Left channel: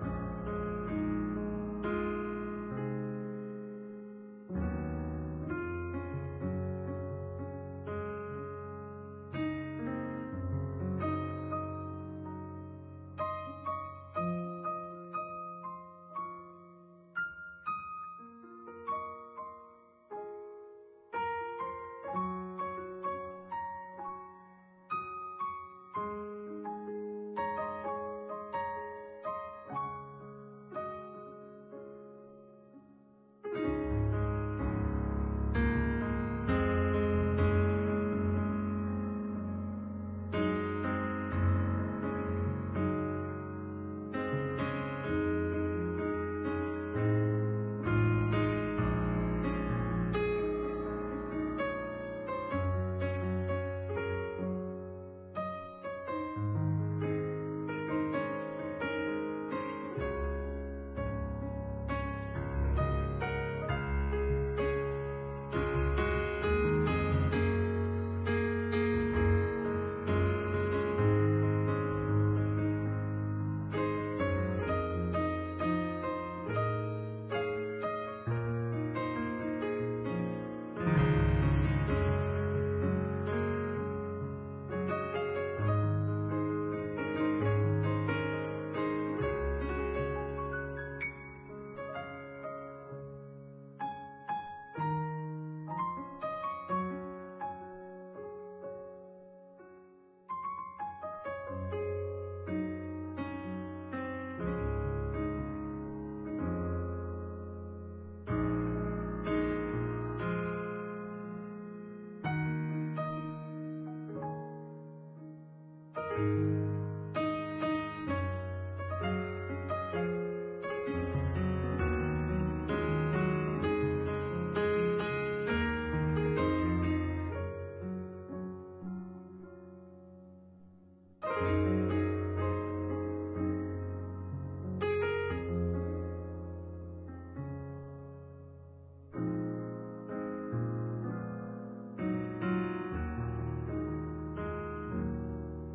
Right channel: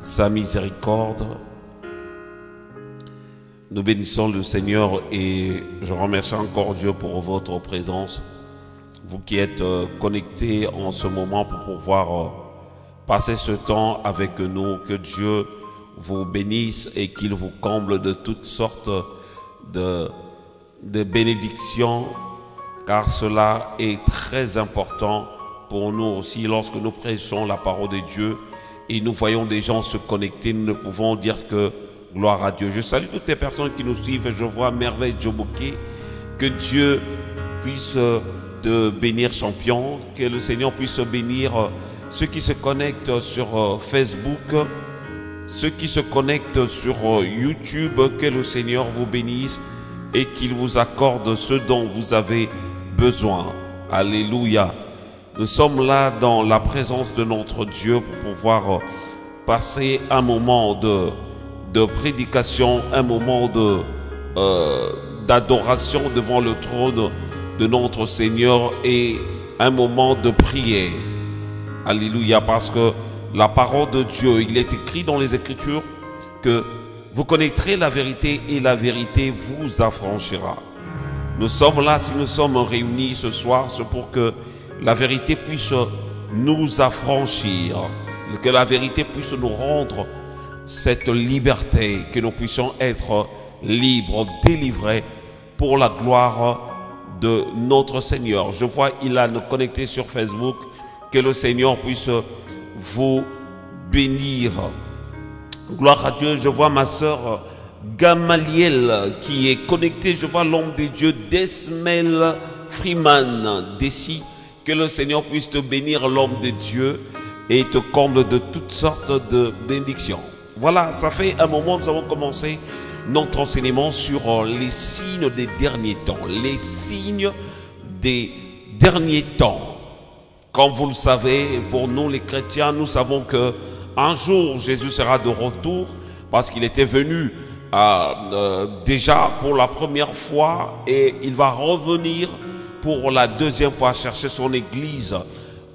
sa miséricorde. Nous bénissons le Seigneur et je remercie encore Dieu pour votre présence. Vous qui êtes connectés en ce moment pour pouvoir passer ce temps avec nous, que Dieu vous bénisse et qu'il vous comble de toutes sortes de bénédictions, car cela est très important pour nous aussi lorsque nous prêchons la parole de Dieu et nous voyons des gens se connecter, nous ne pouvons dire que gloire à Dieu. Je salue toutes les personnes qui nous suivent. Je vois Merveille Djoboké. Que Dieu puisse te bénir, champion. Que le Seigneur puisse bénir ceux qui se connectent sur Facebook, ceux qui se connectent sur YouTube. Que le Seigneur vous bénisse et qu'il vous accorde ce dont vous avez besoin. Alléluia. Nous sommes là dans la présence de notre Dieu pour pouvoir passer un moment de prédication, un moment d'adoration devant le trône de notre Seigneur et un moment de prière. Alléluia, parce que la parole de Dieu, il est écrit dans les Écritures que vous connaîtrez la vérité et la vérité vous affranchira. Nous sommes là, si nous sommes réunis ce soir, c'est pour que la vérité puisse nous affranchir, que la vérité puisse nous rendre cette liberté, que nous puissions être libres, délivrés pour la gloire de notre Seigneur. Je vois Ilan connecté sur Facebook. Que le Seigneur puisse vous bénir. Gloire à Dieu. Je vois ma soeur Gamaliel qui est connectée. Je vois l'homme de Dieu Desmel Freeman d'ici. Que le Seigneur puisse te bénir, l'homme de Dieu, et te comble de toutes sortes de bénédictions. Voilà, ça fait un moment que nous avons commencé notre enseignement sur les signes des derniers temps. Les signes des derniers temps. Comme vous le savez, pour nous les chrétiens, nous savons qu'un jour Jésus sera de retour parce qu'il était venu déjà pour la première fois et il va revenir pour la deuxième fois chercher son église.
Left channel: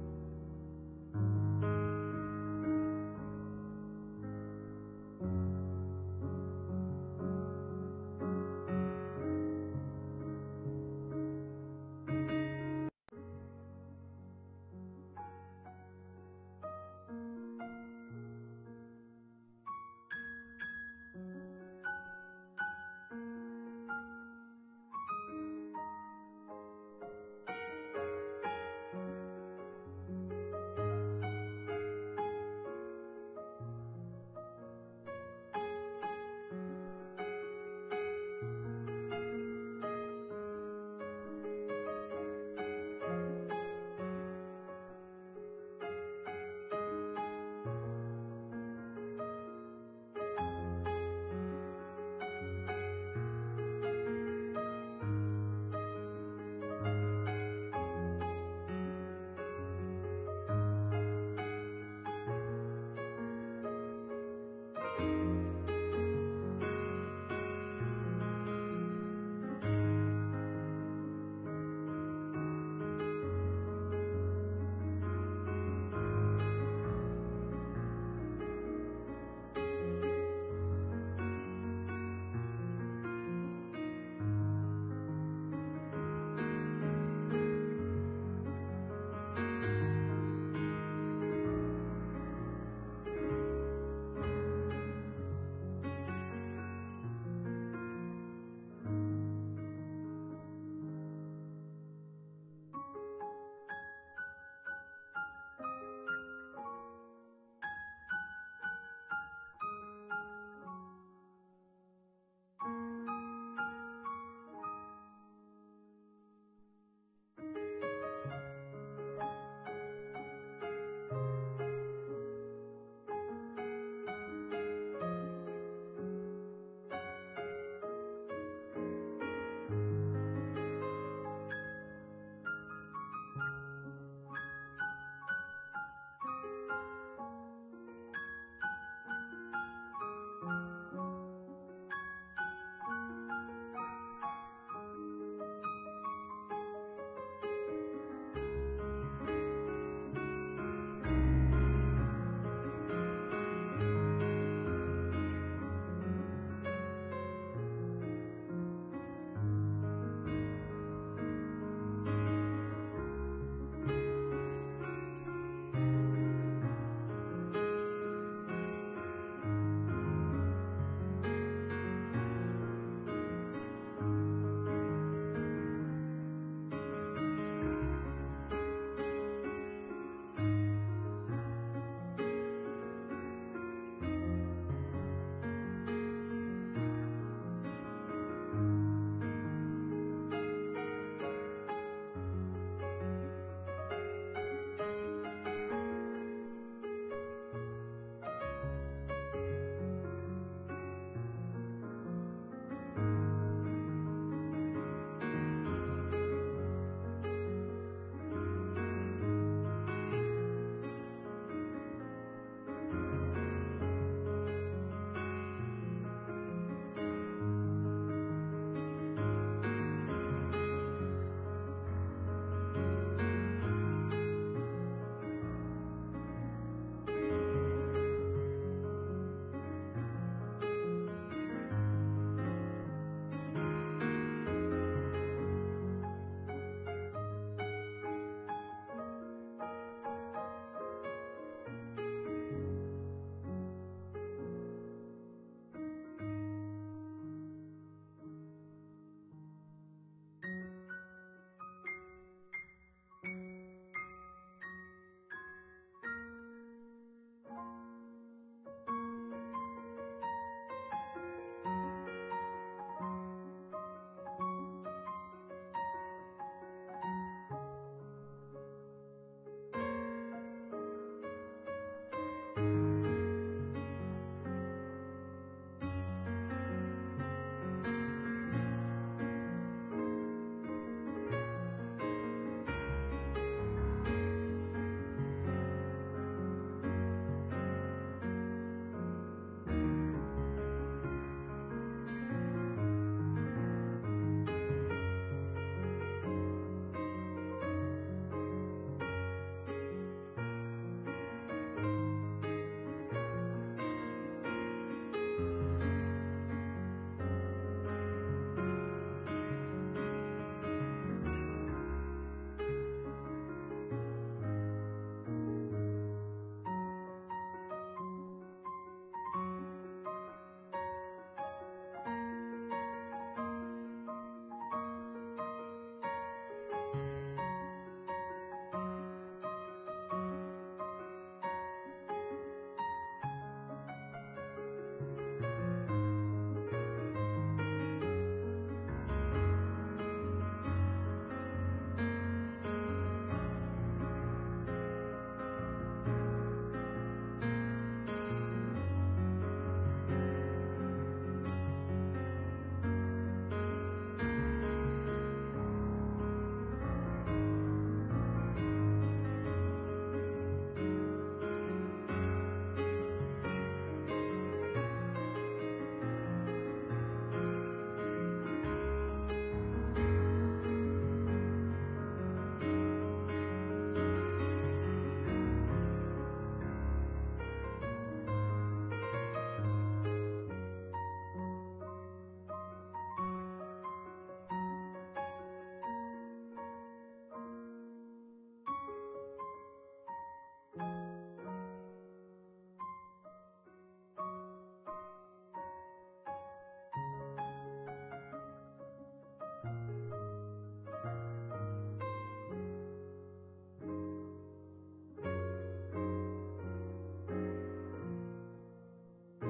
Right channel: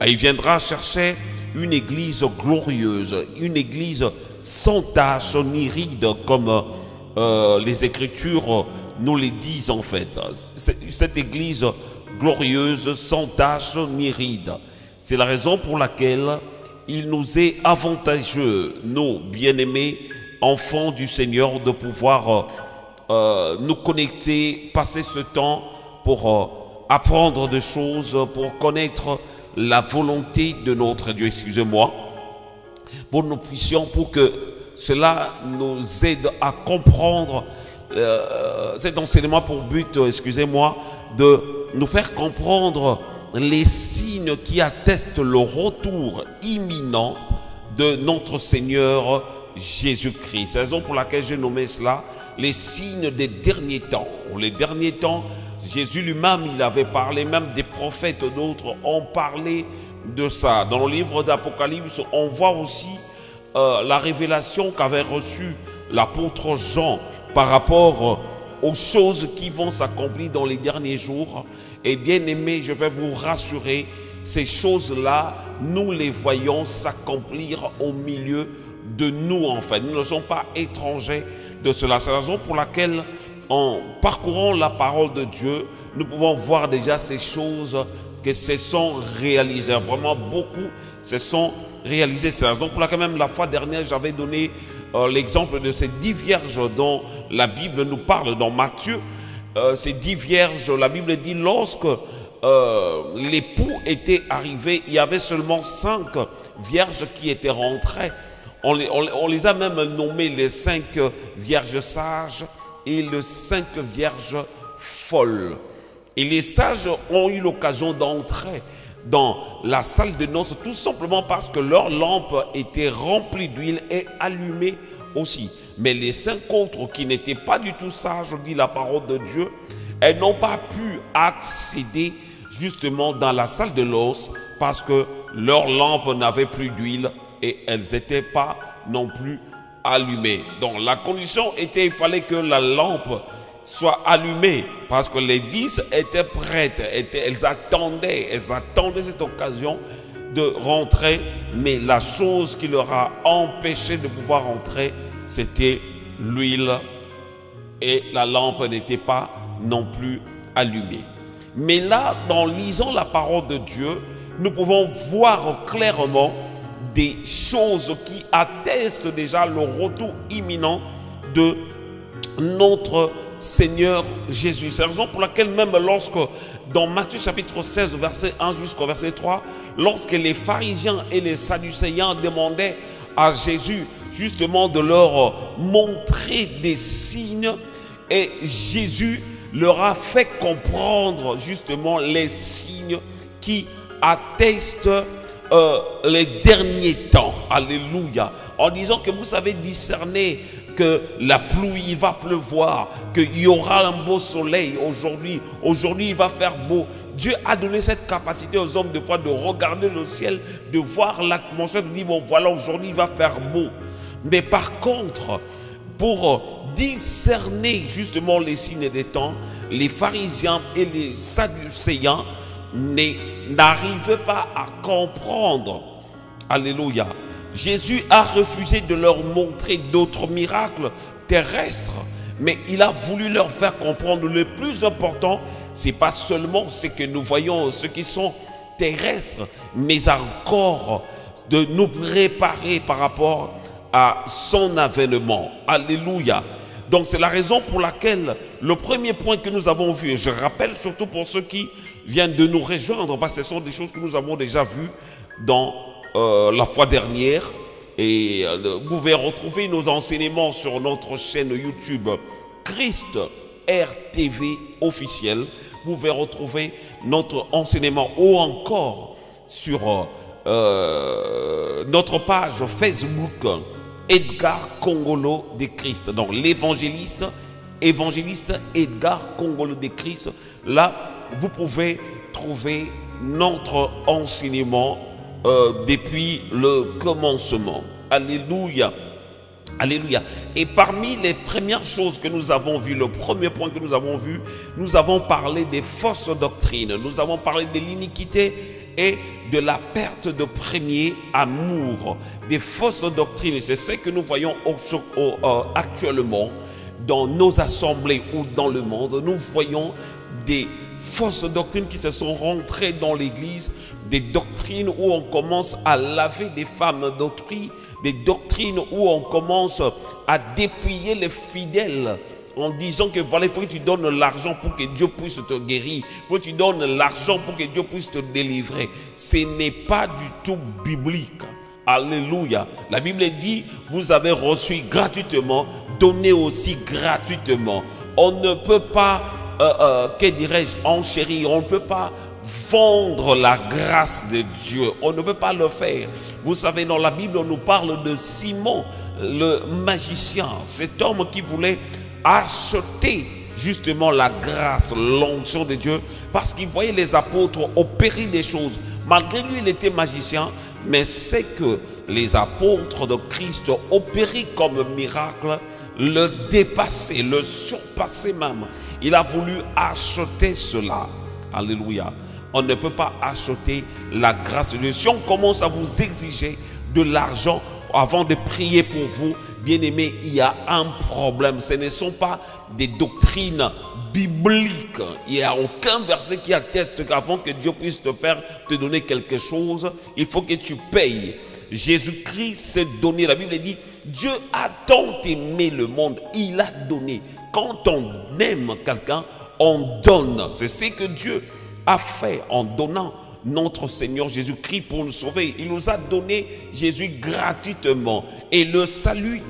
Et il viendra chercher une église glorieuse, une église sans tache ni ride, comme les Écritures nous les disent en fait. Cette église glorieuse, sans tache ni ride. C'est la raison pour laquelle il nous est avantageux, nous, bien-aimés enfants du Seigneur, de pouvoir nous connecter, passer ce temps pour apprendre des choses, pour connaître la volonté de notre Dieu, excusez-moi, pour que nous puissions, pour que cela nous aide à comprendre cet enseignement pour but, excusez-moi, de nous faire comprendre les signes qui attestent le retour imminent de notre Seigneur Jésus-Christ. C'est la raison pour laquelle j'ai nommé cela les signes des derniers temps. Les derniers temps, Jésus lui-même, il avait parlé, même des prophètes, d'autres ont parlé de ça. Dans le livre d'Apocalypse, on voit aussi la révélation qu'avait reçue l'apôtre Jean par rapport aux choses qui vont s'accomplir dans les derniers jours. Et bien aimé, je vais vous rassurer, ces choses-là, nous les voyons s'accomplir au milieu de nous en fait. Nous ne sommes pas étrangers de cela. C'est la raison pour laquelle, en parcourant la parole de Dieu, nous pouvons voir déjà ces choses que se sont réalisées. Vraiment beaucoup se sont réalisées. C'est la raison pour laquelle même la fois dernière, j'avais donné l'exemple de ces 10 vierges dont la Bible nous parle dans Matthieu. Ces 10 vierges, la Bible dit, lorsque l'époux était arrivé, il y avait seulement 5 vierges qui étaient rentrées. On les a même nommées les 5 vierges sages et les 5 vierges folles. Et les sages ont eu l'occasion d'entrer dans la salle de noces tout simplement parce que leur lampe était remplie d'huile et allumée aussi. Mais les 5 autres qui n'étaient pas du tout sages, dit la parole de Dieu, elles n'ont pas pu accéder justement dans la salle de noces parce que leur lampe n'avait plus d'huile et elles n'étaient pas non plus allumées. Donc la condition était, il fallait que la lampe soit allumée parce que les 10 étaient prêtes, elles attendaient cette occasion de rentrer, mais la chose qui leur a empêché de pouvoir entrer, c'était l'huile, et la lampe n'était pas non plus allumée. Mais là, en lisant la parole de Dieu, nous pouvons voir clairement des choses qui attestent déjà le retour imminent de notre Seigneur Jésus. C'est la raison pour laquelle même lorsque, dans Matthieu chapitre 16, verset 1 jusqu'au verset 3, lorsque les pharisiens et les sadducéens demandaient à Jésus justement de leur montrer des signes, et Jésus leur a fait comprendre justement les signes qui attestent les derniers temps. Alléluia. En disant que vous savez discerner que la pluie va pleuvoir, qu'il y aura un beau soleil aujourd'hui. Aujourd'hui, il va faire beau. Dieu a donné cette capacité aux hommes de foi de regarder le ciel, de voir l'atmosphère, de dire bon voilà, aujourd'hui il va faire beau. Mais par contre, pour discerner justement les signes des temps, les pharisiens et les sadducéens n'arrivaient pas à comprendre. Alléluia. Jésus a refusé de leur montrer d'autres miracles terrestres, mais il a voulu leur faire comprendre le plus important, c'est pas seulement ce que nous voyons, ceux qui sont terrestres, mais encore de nous préparer par rapport à son avènement. Alléluia. Donc c'est la raison pour laquelle le premier point que nous avons vu, et je rappelle surtout pour ceux qui viennent de nous rejoindre, parce que ce sont des choses que nous avons déjà vues dans la fois dernière, et vous pouvez retrouver nos enseignements sur notre chaîne YouTube Christ RTV officiel. Vous pouvez retrouver notre enseignement ou encore sur notre page Facebook Edgar Kongolo de Christ. Donc l'évangéliste Edgar Kongolo de Christ. Là, vous pouvez trouver notre enseignement depuis le commencement. Alléluia. Alléluia. Et parmi les premières choses que nous avons vues, le premier point que nous avons vu, nous avons parlé des fausses doctrines. Nous avons parlé de l'iniquité et de la perte de premier amour. Des fausses doctrines, c'est ce que nous voyons actuellement dans nos assemblées ou dans le monde. Nous voyons des fausses doctrines qui se sont rentrées dans l'église, des doctrines où on commence à laver des femmes d'autrui, des doctrines où on commence à dépouiller les fidèles en disant que voilà, il faut que tu donnes l'argent pour que Dieu puisse te guérir, il faut que tu donnes l'argent pour que Dieu puisse te délivrer. Ce n'est pas du tout biblique. Alléluia. La Bible dit, vous avez reçu gratuitement, donnez aussi gratuitement. On ne peut pas que dirais-je, enchérir, on ne peut pas vendre la grâce de Dieu, on ne peut pas le faire. Vous savez, dans la Bible, on nous parle de Simon, le magicien, cet homme qui voulait acheter justement la grâce, l'onction de Dieu, parce qu'il voyait les apôtres opérer des choses. Malgré lui, il était magicien, mais c'est que les apôtres de Christ opéraient comme miracle, le dépasser, le surpasser même. Il a voulu acheter cela. Alléluia. On ne peut pas acheter la grâce de Dieu. Si on commence à vous exiger de l'argent avant de prier pour vous, bien aimé, il y a un problème. Ce ne sont pas des doctrines bibliques. Il n'y a aucun verset qui atteste qu'avant que Dieu puisse te donner quelque chose, il faut que tu payes. Jésus-Christ s'est donné. La Bible dit, Dieu a tant aimé le monde, il a donné. Quand on aime quelqu'un, on donne. C'est ce que Dieu a fait en donnant notre Seigneur Jésus-Christ pour nous sauver. Il nous a donné Jésus gratuitement. Et le salut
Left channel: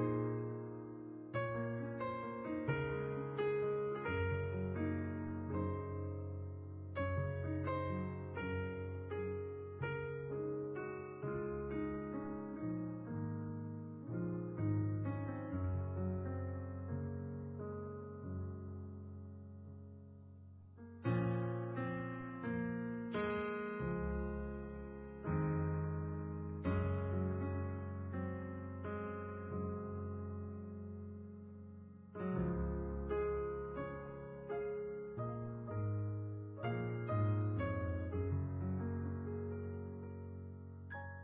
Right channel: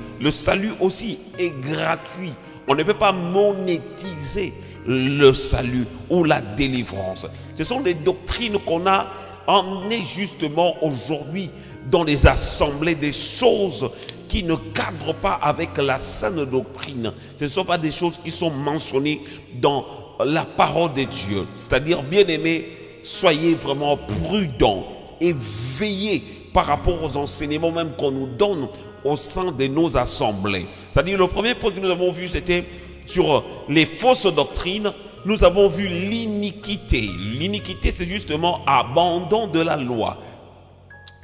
aussi est gratuit. On ne peut pas monétiser le salut ou la délivrance. Ce sont des doctrines qu'on a emmenées justement aujourd'hui dans les assemblées, des choses qui ne cadrent pas avec la saine doctrine. Ce ne sont pas des choses qui sont mentionnées dans la parole de Dieu. C'est-à-dire, bien-aimés, soyez vraiment prudents et veillez par rapport aux enseignements même qu'on nous donne au sein de nos assemblées. C'est-à-dire, le premier point que nous avons vu, c'était sur les fausses doctrines. Nous avons vu l'iniquité. L'iniquité, c'est justement abandon de la loi.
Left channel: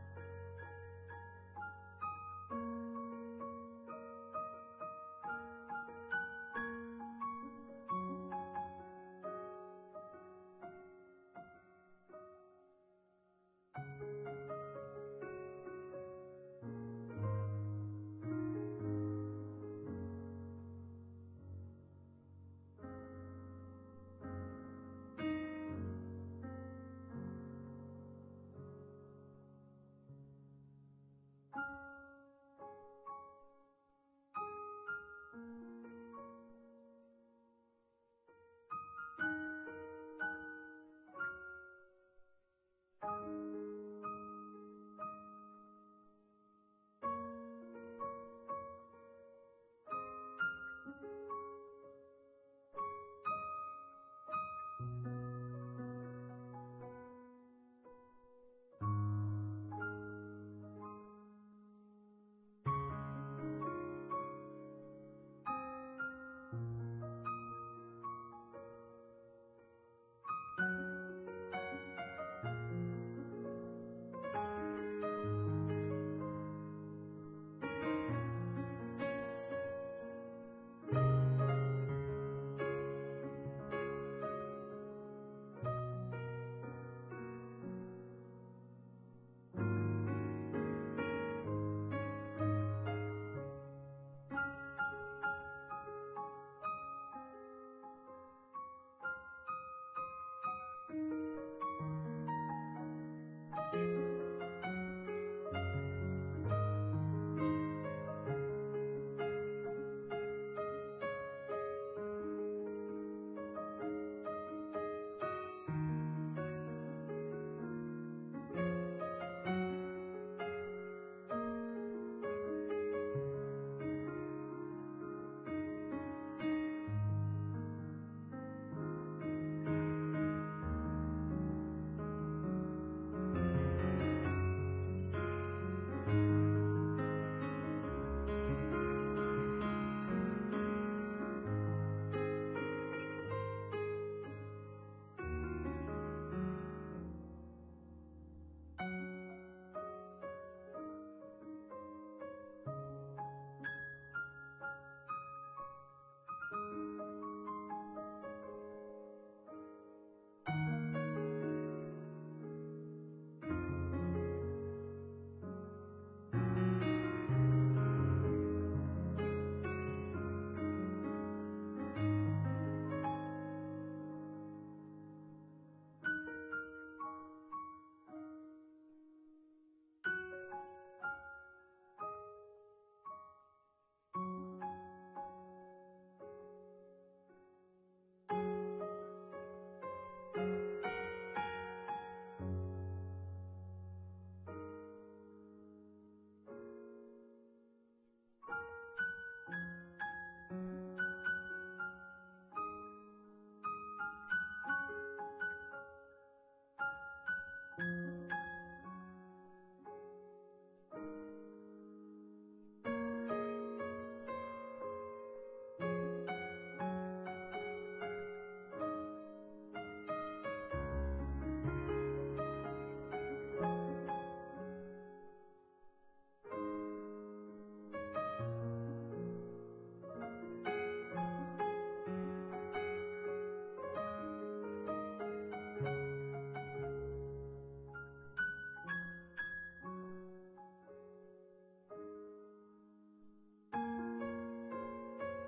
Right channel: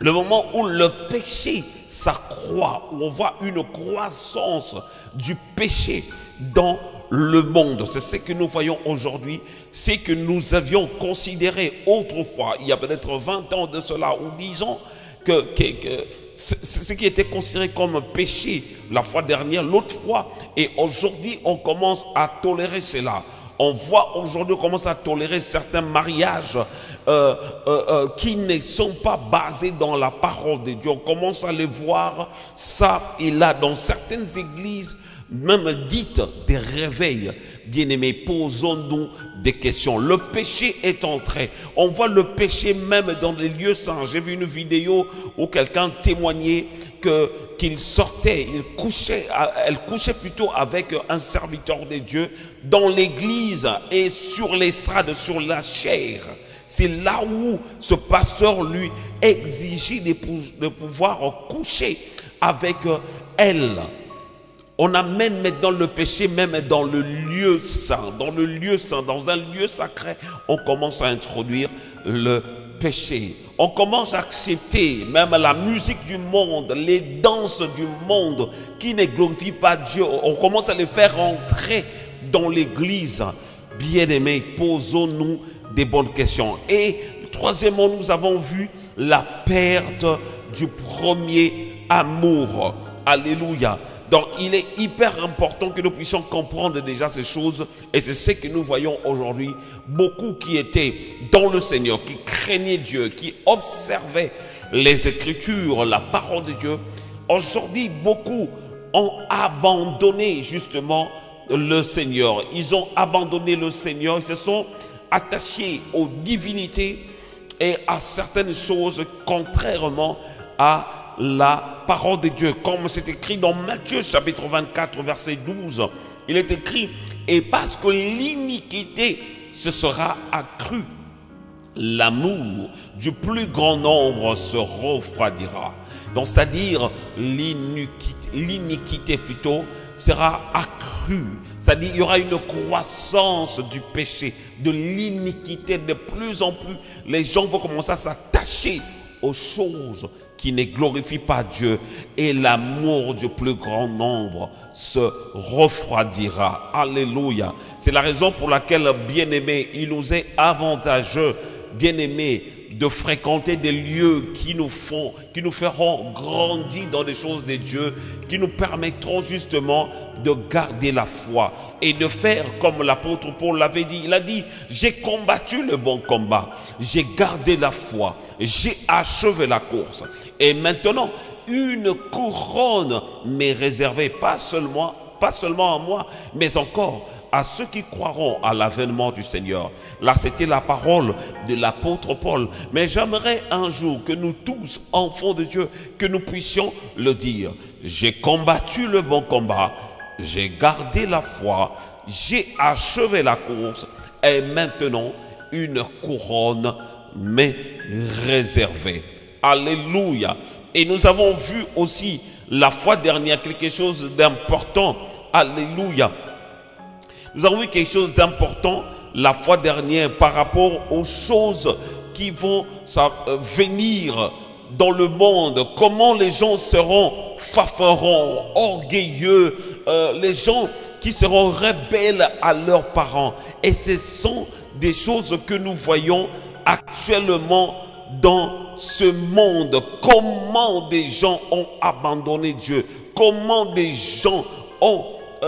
le moment où le péché s'accroît, où on voit une croissance du péché dans le monde. C'est ce que nous voyons aujourd'hui, c'est que nous avions considéré autrefois, il y a peut-être 20 ans de cela, ou 10 ans, que ce qui était considéré comme un péché la fois dernière, l'autre fois, et aujourd'hui on commence à tolérer cela. On voit aujourd'hui, on commence à tolérer certains mariages qui ne sont pas basés dans la parole de Dieu. On commence à les voir ça et là dans certaines églises, même dites des réveils. Bien-aimés, posons-nous des questions. Le péché est entré. On voit le péché même dans les lieux saints. J'ai vu une vidéo où quelqu'un témoignait qu'il sortait, elle couchait plutôt avec un serviteur de Dieu dans l'église et sur l'estrade, sur la chair. C'est là où ce pasteur lui exigeait de pouvoir coucher avec elle. On amène maintenant le péché même dans le lieu saint. Dans le lieu saint, dans un lieu sacré, on commence à introduire le péché. On commence à accepter même la musique du monde, les danses du monde qui ne glorifient pas Dieu. On commence à les faire entrer dans l'église. Bien-aimés, posons-nous des bonnes questions. Et troisièmement, nous avons vu la perte du premier amour. Alléluia. Donc, il est hyper important que nous puissions comprendre déjà ces choses. Et c'est ce que nous voyons aujourd'hui. Beaucoup qui étaient dans le Seigneur, qui craignaient Dieu, qui observaient les Écritures, la parole de Dieu. Aujourd'hui, beaucoup ont abandonné justement le Seigneur. Ils ont abandonné le Seigneur. Ils se sont attachés aux divinités et à certaines choses contrairement à la parole de Dieu, comme c'est écrit dans Matthieu chapitre 24 verset 12. Il est écrit: et parce que l'iniquité se sera accrue, l'amour du plus grand nombre se refroidira. Donc c'est-à-dire l'iniquité plutôt sera accrue. C'est-à-dire il y aura une croissance du péché, de l'iniquité. De plus en plus, les gens vont commencer à s'attacher aux choses qui ne glorifient pas Dieu, et l'amour du plus grand nombre se refroidira. Alléluia. C'est la raison pour laquelle, bien-aimés, il nous est avantageux, bien-aimés, de fréquenter des lieux qui nous feront grandir dans les choses de Dieu, qui nous permettront justement de garder la foi et de faire comme l'apôtre Paul l'avait dit. Il a dit: j'ai combattu le bon combat, j'ai gardé la foi, j'ai achevé la course. Et maintenant, une couronne m'est réservée, pas seulement à moi, mais encore à ceux qui croiront à l'avènement du Seigneur. Là, c'était la parole de l'apôtre Paul. Mais j'aimerais un jour que nous tous, enfants de Dieu, que nous puissions le dire: j'ai combattu le bon combat, j'ai gardé la foi, j'ai achevé la course, et maintenant une couronne m'est réservée. Alléluia. Et nous avons vu aussi la fois dernière quelque chose d'important. Alléluia. Nous avons vu quelque chose d'important la fois dernière par rapport aux choses qui vont venir dans le monde. Comment les gens seront fanfarons, orgueilleux, les gens qui seront rebelles à leurs parents. Et ce sont des choses que nous voyons actuellement dans ce monde. Comment des gens ont abandonné Dieu, comment des gens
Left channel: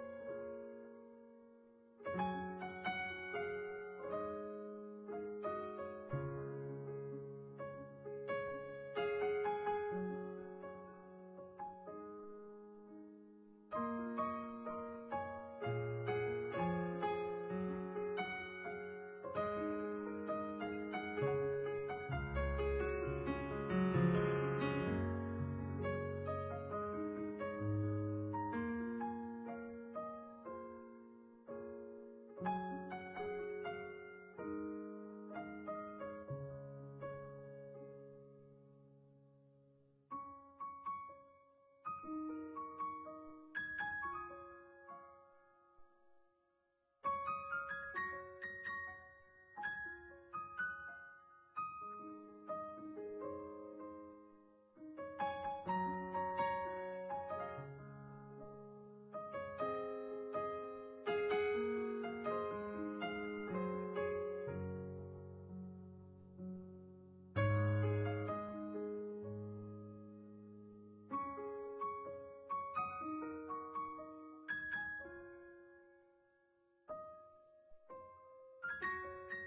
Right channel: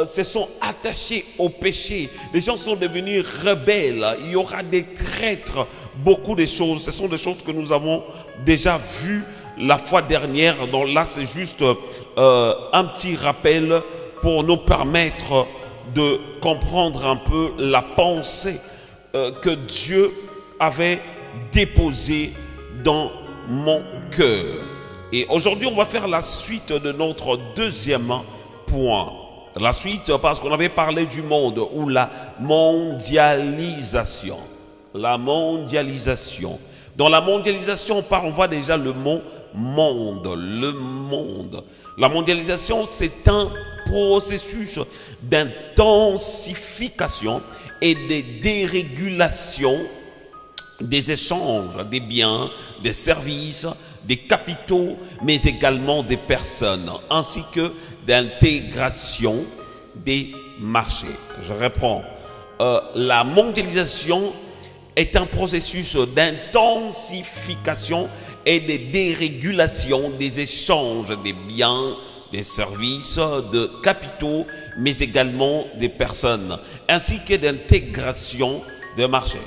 se sont attachés au péché. Les gens sont devenus rebelles. Il y aura des traîtres, beaucoup de choses. Ce sont des choses que nous avons déjà vues la fois dernière. Donc là, c'est juste un petit rappel pour nous permettre de comprendre un peu la pensée que Dieu avait déposée dans mon cœur. Et aujourd'hui, on va faire la suite de notre deuxième point. La suite, parce qu'on avait parlé du monde, ou la mondialisation. La mondialisation. Dans la mondialisation, on voit déjà le mot monde. Le monde. La mondialisation, c'est un processus d'intensification et de dérégulation des échanges, des biens, des services, des capitaux, mais également des personnes, ainsi que d'intégration des marchés. Je reprends. La mondialisation est un processus d'intensification et de dérégulation des échanges des biens, des services, de capitaux, mais également des personnes, ainsi que d'intégration des marchés.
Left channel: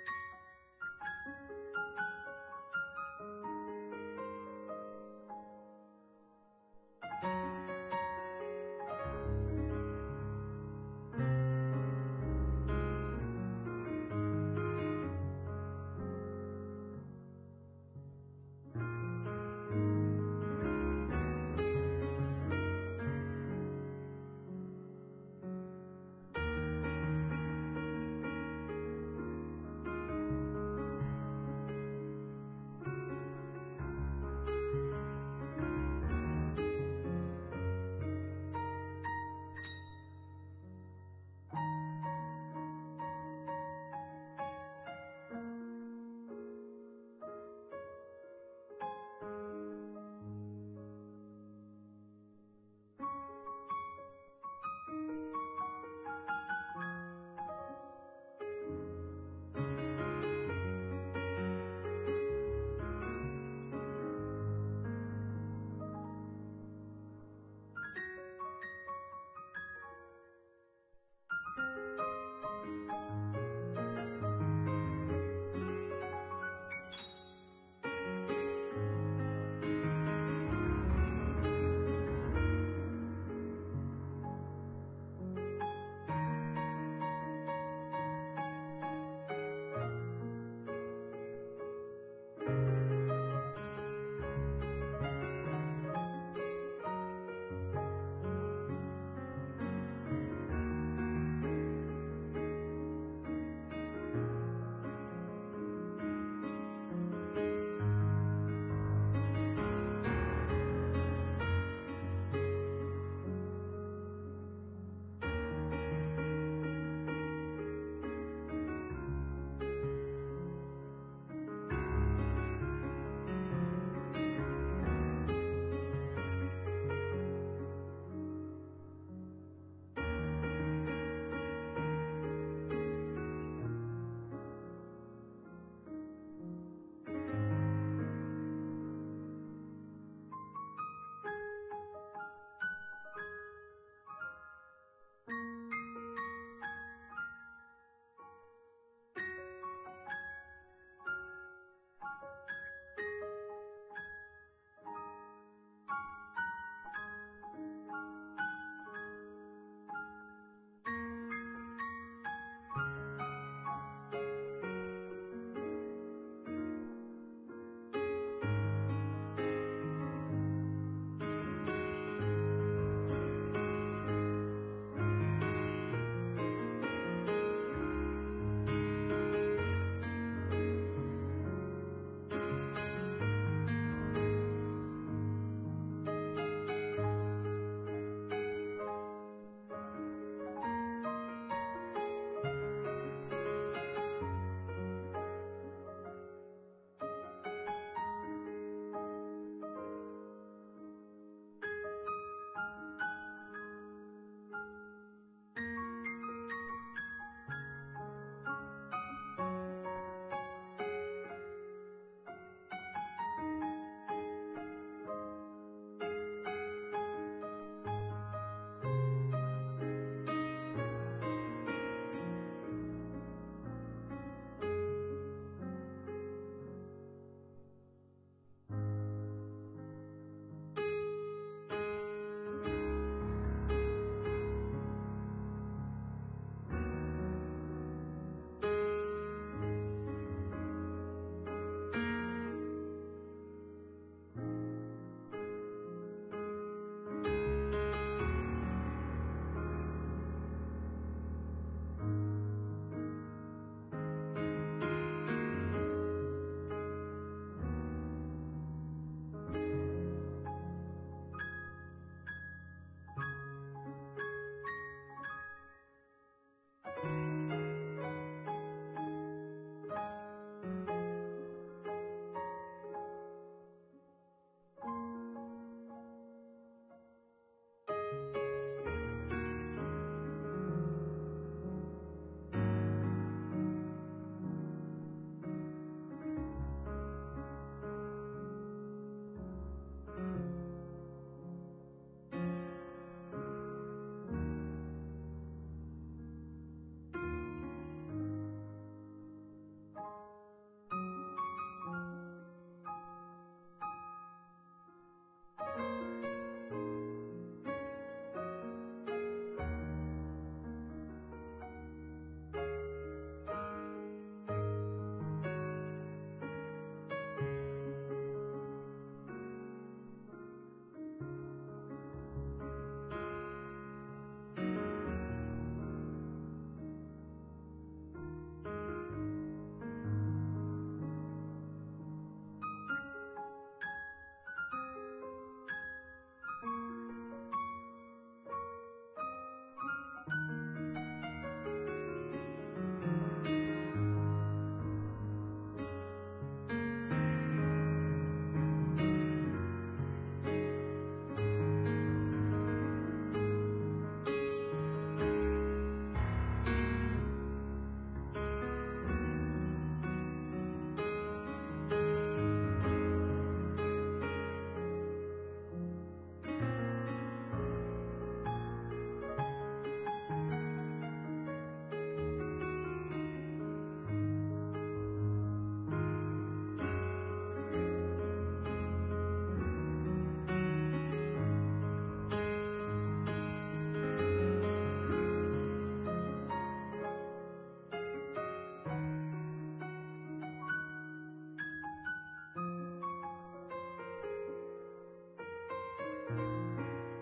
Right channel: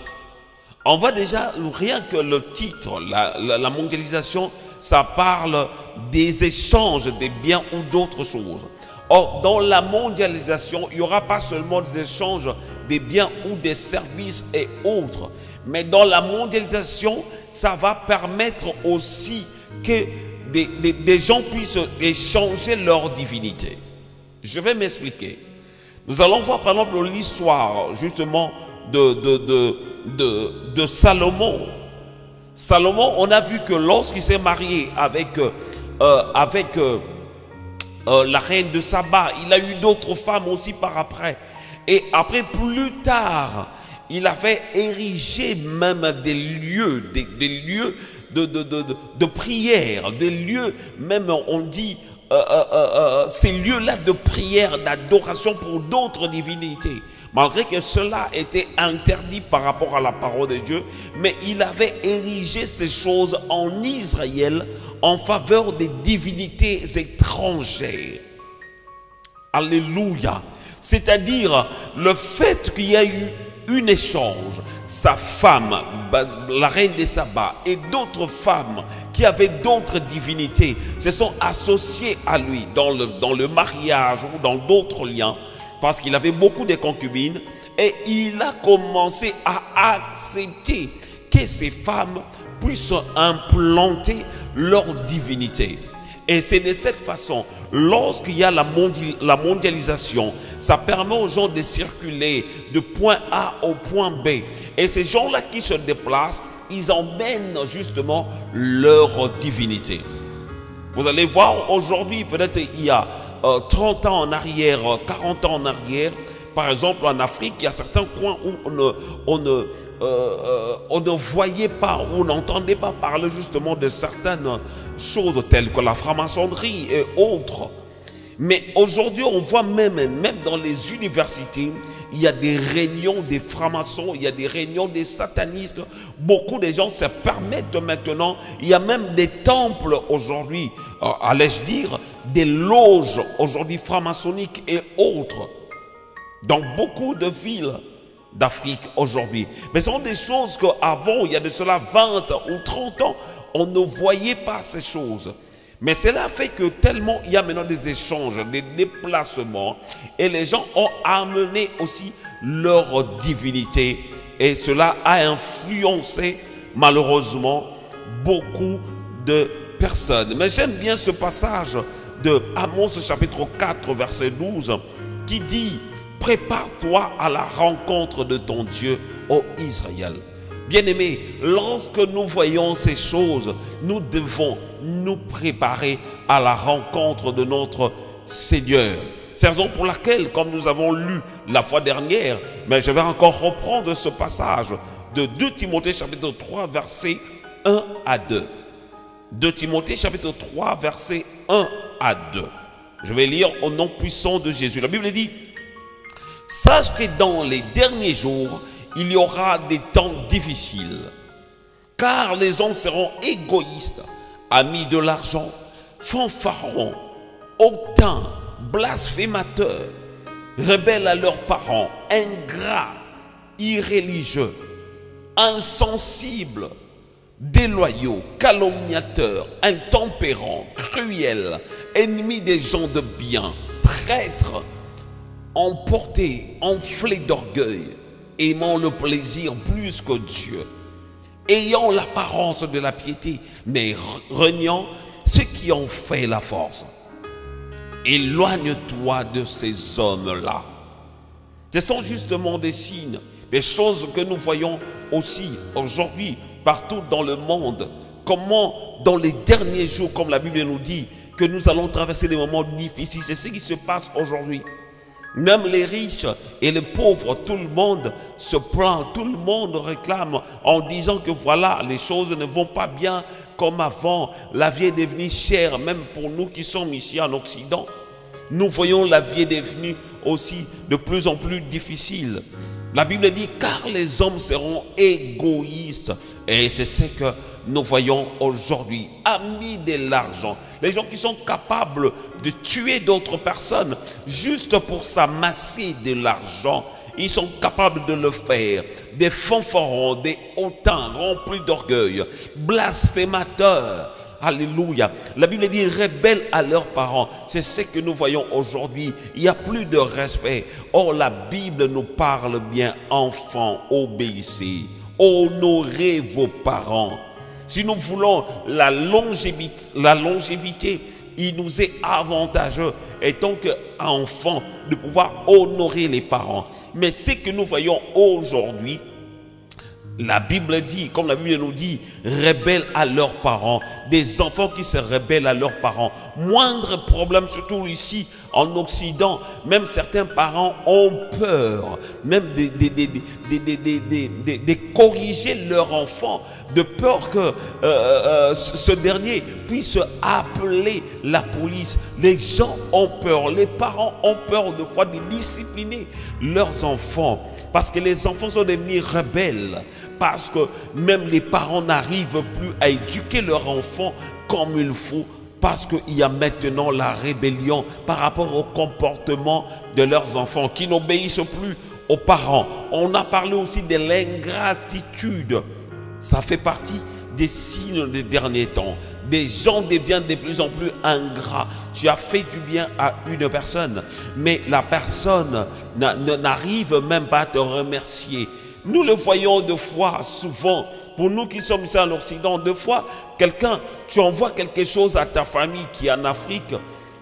On voit déjà, rien que le titre, la mondialisation, ça parle des échanges des biens ou d'autres choses. Or, dans la mondialisation, il n'y aura pas seulement des échanges des biens ou des services et autres, mais dans la mondialisation, ça va permettre aussi que des gens puissent échanger leur divinité. Je vais m'expliquer. Nous allons voir par exemple l'histoire justement de Salomon. Salomon, on a vu que lorsqu'il s'est marié avec la reine de Saba, il a eu d'autres femmes aussi par après. Et après, plus tard, il avait érigé même des lieux, des lieux de prière, des lieux, même on dit, ces lieux-là de prière, d'adoration pour d'autres divinités. Malgré que cela était interdit par rapport à la parole de Dieu, mais il avait érigé ces choses en Israël en faveur des divinités étrangères. Alléluia. C'est-à-dire le fait qu'il y a eu un échange, sa femme, la reine de Saba, et d'autres femmes qui avaient d'autres divinités se sont associées à lui dans le mariage ou dans d'autres liens, parce qu'il avait beaucoup de concubines, et il a commencé à accepter que ces femmes puissent implanter leur divinité. Et c'est de cette façon, lorsqu'il y a la mondialisation, ça permet aux gens de circuler de point A au point B. Et ces gens-là qui se déplacent, ils emmènent justement leur divinité. Vous allez voir aujourd'hui, peut-être il y a 30 ans en arrière, 40 ans en arrière, par exemple en Afrique, il y a certains coins où on ne voyait pas, on n'entendait pas parler justement de certaines choses telles que la franc-maçonnerie et autres. Mais aujourd'hui, on voit même dans les universités, il y a des réunions des francs-maçons, il y a des réunions des satanistes. Beaucoup de gens se permettent maintenant, il y a même des temples aujourd'hui, allais-je dire, des loges aujourd'hui franc-maçonniques et autres, dans beaucoup de villes d'Afrique aujourd'hui. Mais ce sont des choses qu'avant, il y a de cela 20 ou 30 ans, on ne voyait pas ces choses. Mais cela fait que tellement il y a maintenant des échanges, des déplacements, et les gens ont amené aussi leur divinité. Et cela a influencé malheureusement beaucoup de personnes. Mais j'aime bien ce passage de Amos chapitre 4 verset 12 qui dit: prépare-toi à la rencontre de ton Dieu, ô Israël. Bien-aimés, lorsque nous voyons ces choses, nous devons nous préparer à la rencontre de notre Seigneur. C'est la raison pour laquelle, comme nous avons lu la fois dernière, mais je vais encore reprendre ce passage de 2 Timothée chapitre 3 verset 1 à 2. 2 Timothée chapitre 3 verset 1 à 2. Je vais lire au nom puissant de Jésus. La Bible dit: sache que dans les derniers jours, il y aura des temps difficiles, car les hommes seront égoïstes, amis de l'argent, fanfarons, hautains, blasphémateurs, rebelles à leurs parents, ingrats, irréligieux, insensibles, déloyaux, calomniateurs, intempérants, cruels, ennemis des gens de bien, traîtres, emportés, enflés d'orgueil, aimant le plaisir plus que Dieu, ayant l'apparence de la piété, mais reniant ceux qui ont fait la force. Éloigne-toi de ces hommes-là. Ce sont justement des signes, des choses que nous voyons aussi aujourd'hui partout dans le monde. Comment dans les derniers jours, comme la Bible nous dit, que nous allons traverser des moments difficiles. C'est ce qui se passe aujourd'hui. Même les riches et les pauvres, tout le monde se plaint, tout le monde réclame en disant que voilà, les choses ne vont pas bien, comme avant. La vie est devenue chère, même pour nous qui sommes ici en Occident. Nous voyons la vie est devenue aussi de plus en plus difficile. La Bible dit, car les hommes seront égoïstes. Et c'est ce que nous voyons aujourd'hui. Amis de l'argent. Les gens qui sont capables de tuer d'autres personnes juste pour s'amasser de l'argent. Ils sont capables de le faire. Des fanfarons, des hautains remplis d'orgueil, blasphémateurs. Alléluia. La Bible dit rebelles à leurs parents. C'est ce que nous voyons aujourd'hui. Il n'y a plus de respect. Or, la Bible nous parle bien. Enfants, obéissez. Honorez vos parents. Si nous voulons la longévité, il nous est avantageux, étant qu'enfants, de pouvoir honorer les parents. Mais ce que nous voyons aujourd'hui, la Bible dit, comme la Bible nous dit, rebelles à leurs parents. Des enfants qui se rebellent à leurs parents. Moindre problème, surtout ici en Occident, même certains parents ont peur, même de corriger leur enfant, de peur que ce dernier puisse appeler la police. Les gens ont peur, les parents ont peur de fois de discipliner leurs enfants. Parce que les enfants sont devenus rebelles. Parce que même les parents n'arrivent plus à éduquer leurs enfants comme il faut. Parce qu'il y a maintenant la rébellion par rapport au comportement de leurs enfants qui n'obéissent plus aux parents. On a parlé aussi de l'ingratitude. Ça fait partie des signes des derniers temps. Des gens deviennent de plus en plus ingrats. Tu as fait du bien à une personne, mais la personne n'arrive même pas à te remercier. Nous le voyons deux fois, souvent, pour nous qui sommes ici en Occident, deux fois, quelqu'un, tu envoies quelque chose à ta famille qui est en Afrique,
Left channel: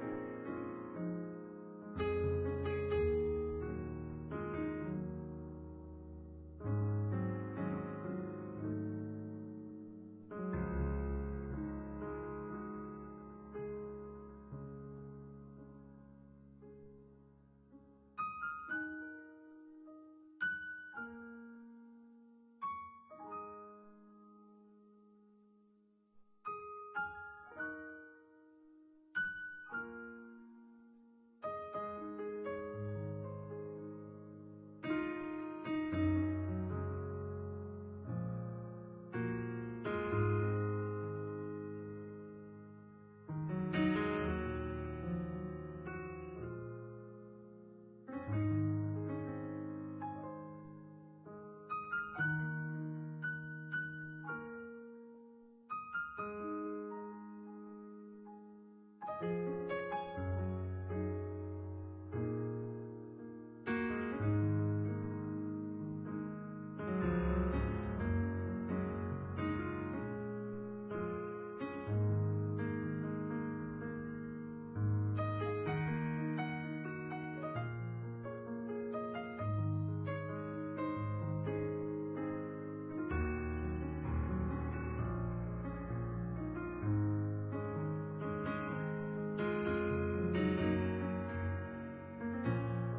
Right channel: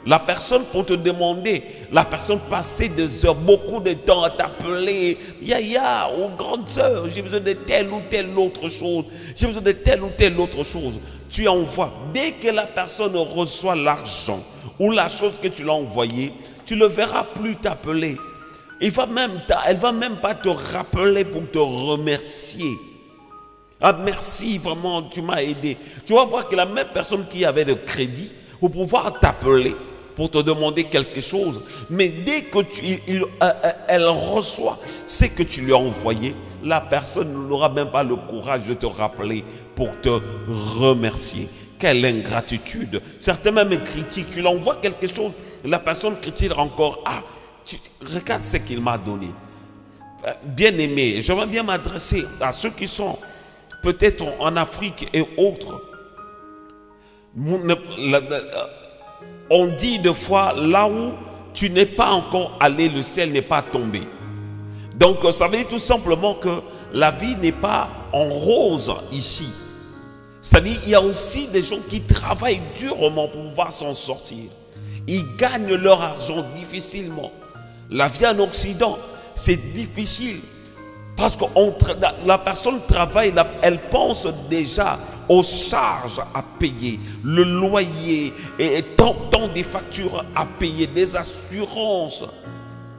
la personne pour te demander, la personne passait des heures, beaucoup de temps à t'appeler, Yaya, ou grande sœur, j'ai besoin de telle ou telle autre chose, j'ai besoin de telle ou telle autre chose. Tu envoies, dès que la personne reçoit l'argent ou la chose que tu l'as envoyée, tu ne le verras plus t'appeler. Elle va même pas te rappeler pour te remercier. Ah merci, vraiment, tu m'as aidé. Tu vas voir que la même personne qui avait le crédit pour pouvoir t'appeler, pour te demander quelque chose, mais dès que elle reçoit ce que tu lui as envoyé, la personne n'aura même pas le courage de te rappeler pour te remercier. Quelle ingratitude. Certains même critiquent. Tu lui envoies quelque chose, la personne critique encore. Ah, regarde ce qu'il m'a donné. Bien aimé, j'aimerais bien m'adresser à ceux qui sont peut-être en Afrique et autres. On dit deux fois, là où tu n'es pas encore allé, le ciel n'est pas tombé. Donc ça veut dire tout simplement que la vie n'est pas en rose ici. C'est-à-dire qu'il y a aussi des gens qui travaillent durement pour pouvoir s'en sortir. Ils gagnent leur argent difficilement. La vie en Occident, c'est difficile. Parce que la personne travaille, elle pense déjà aux charges à payer, le loyer, et tant des factures à payer, des assurances,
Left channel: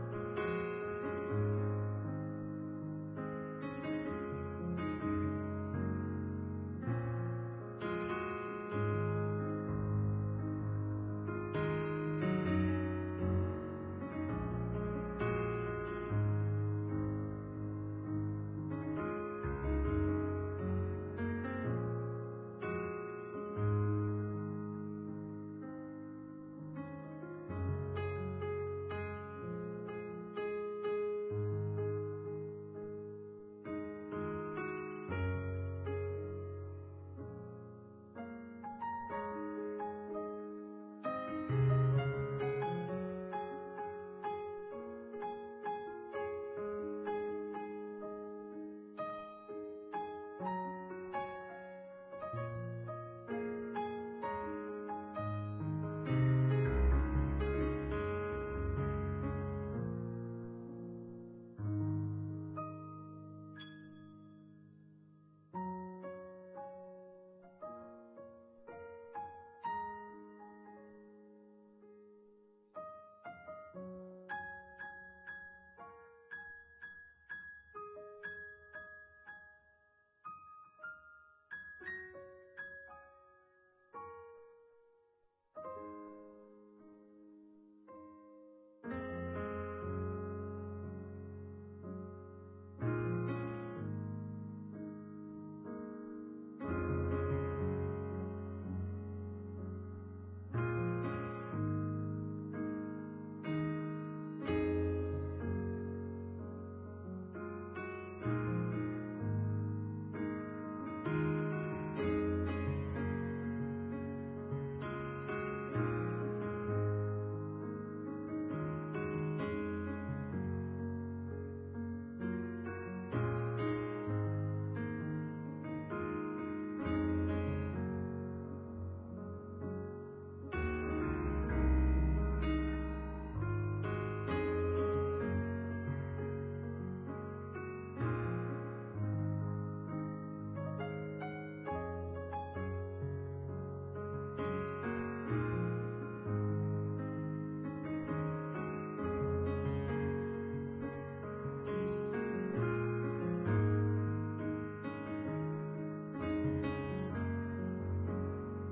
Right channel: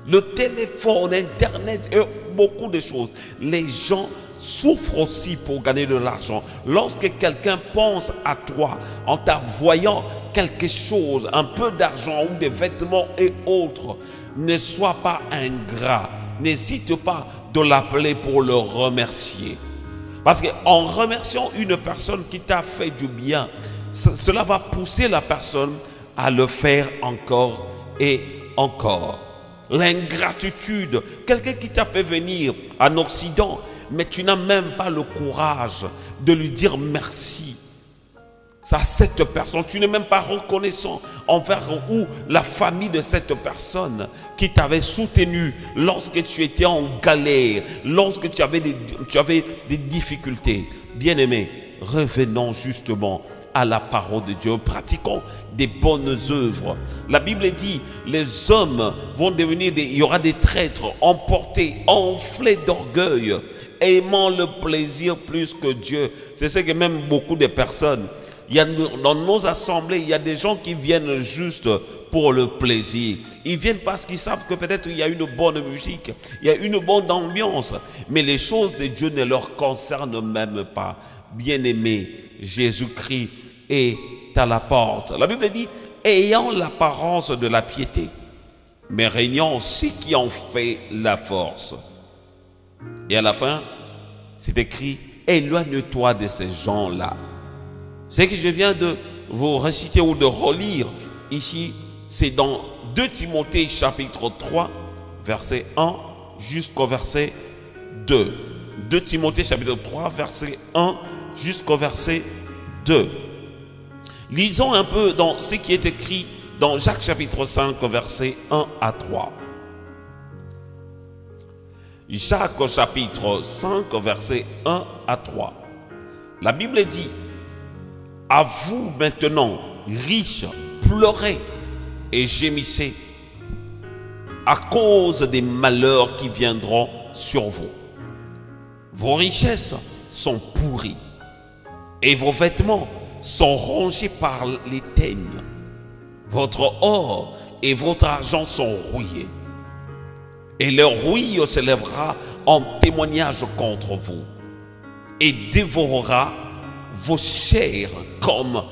le téléphone, Internet et beaucoup de choses. Les gens souffrent aussi pour gagner de l'argent. Lorsque quelqu'un pense à toi en t'envoyant quelque chose, un peu d'argent ou des vêtements et autres, ne sois pas ingrat. N'hésite pas de l'appeler pour le remercier. Parce qu'en remerciant une personne qui t'a fait du bien, cela va pousser la personne à le faire encore et encore. L'ingratitude, quelqu'un qui t'a fait venir en Occident, mais tu n'as même pas le courage de lui dire merci. À cette personne, tu n'es même pas reconnaissant envers ou la famille de cette personne qui t'avait soutenu lorsque tu étais en galère, lorsque tu avais des difficultés. Bien-aimés, revenons justement à la parole de Dieu, pratiquons des bonnes œuvres. La Bible dit, les hommes vont devenir il y aura des traîtres, emportés, enflés d'orgueil, aimant le plaisir plus que Dieu. C'est ce que même beaucoup de personnes, dans nos assemblées, il y a des gens qui viennent juste pour le plaisir. Ils viennent parce qu'ils savent que peut-être il y a une bonne musique, il y a une bonne ambiance, mais les choses de Dieu ne leur concernent même pas. Bien-aimés, Jésus-Christ est à la porte. La Bible dit, ayant l'apparence de la piété, mais régnant ce qui en fait la force. Et à la fin, c'est écrit, éloigne-toi de ces gens-là. Ce que je viens de vous réciter ou de relire ici, c'est dans 2 Timothée chapitre 3, verset 1 jusqu'au verset 2. 2 Timothée chapitre 3, verset 1 jusqu'au verset 2. Lisons un peu dans ce qui est écrit dans Jacques chapitre 5, verset 1 à 3. Jacques chapitre 5, verset 1 à 3. La Bible dit, à vous maintenant, riches, pleurez et gémissez à cause des malheurs qui viendront sur vous. Vos richesses sont pourries et vos vêtements sont rongés par les teignes. Votre or et votre argent sont rouillés. Et leur rouille se lèvera en témoignage contre vous et dévorera vos chairs comme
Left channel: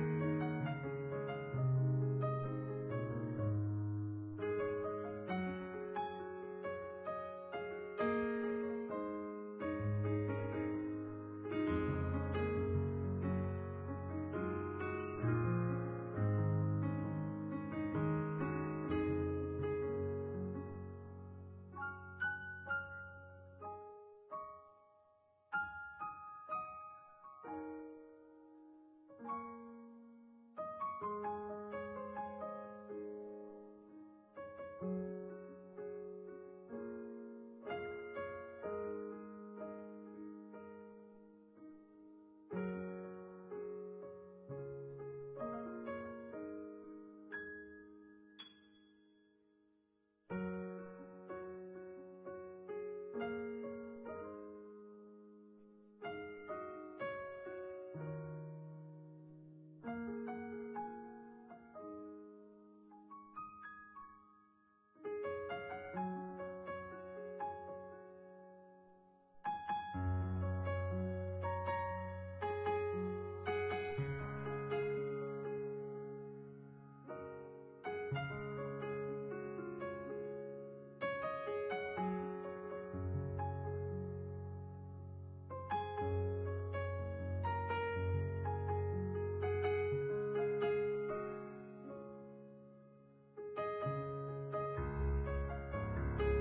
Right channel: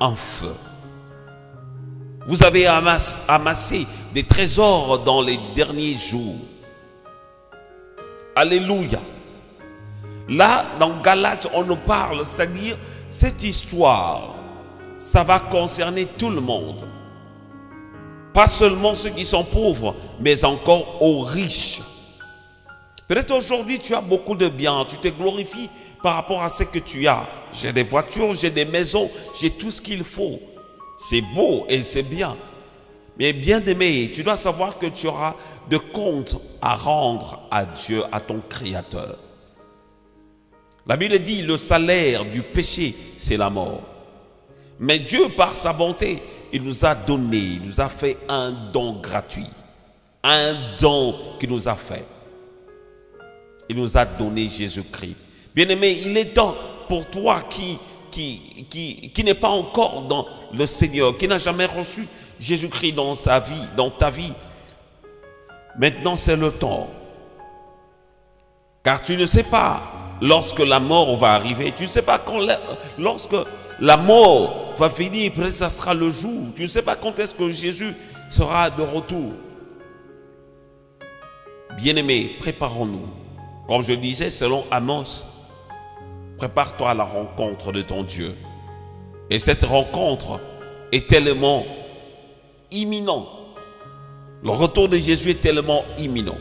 un feu. Vous avez amassé des trésors dans les derniers jours. Alléluia. Là, dans Galates, on nous parle, c'est-à-dire cette histoire, ça va concerner tout le monde. Pas seulement ceux qui sont pauvres, mais encore aux riches. Peut-être aujourd'hui, tu as beaucoup de biens, tu te glorifies par rapport à ce que tu as. J'ai des voitures, j'ai des maisons, j'ai tout ce qu'il faut. C'est beau et c'est bien. Mais bien aimé, tu dois savoir que tu auras de comptes à rendre à Dieu, à ton Créateur. La Bible dit, le salaire du péché, c'est la mort. Mais Dieu, par sa bonté, il nous a donné, il nous a fait un don gratuit. Un don qu'il nous a fait. Il nous a donné Jésus-Christ. Bien-aimé, il est temps pour toi qui n'est pas encore dans le Seigneur, qui n'a jamais reçu Jésus-Christ dans sa vie, dans ta vie. Maintenant, c'est le temps. Car tu ne sais pas lorsque la mort va arriver. Tu ne sais pas quand lorsque la mort va finir, peut-être ça sera le jour. Tu ne sais pas quand est-ce que Jésus sera de retour. Bien-aimés, préparons-nous. Comme je disais, selon Amos, prépare-toi à la rencontre de ton Dieu. Et cette rencontre est tellement imminente. Le retour de Jésus est tellement imminent.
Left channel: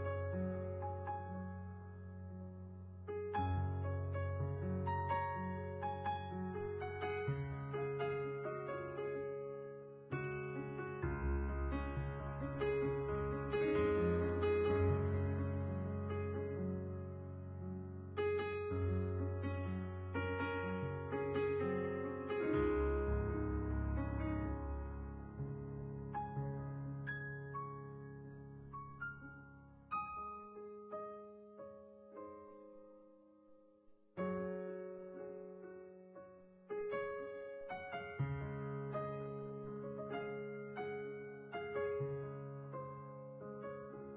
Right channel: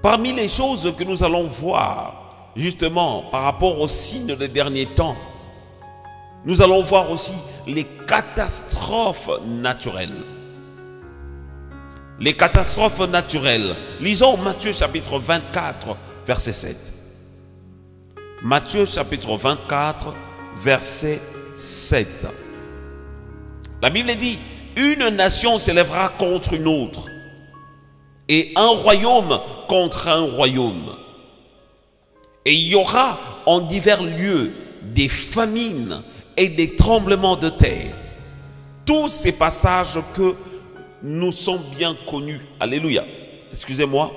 Parmi les choses que nous allons voir, justement, par rapport aux signes des derniers temps, nous allons voir aussi les catastrophes naturelles. Les catastrophes naturelles. Lisons Matthieu chapitre 24, verset 7. Matthieu chapitre 24, verset 7. La Bible dit, une nation s'élèvera contre une autre et un royaume contre un royaume. Et il y aura en divers lieux des famines et des tremblements de terre. Tous ces passages que nous sommes bien connus. Alléluia. Excusez-moi.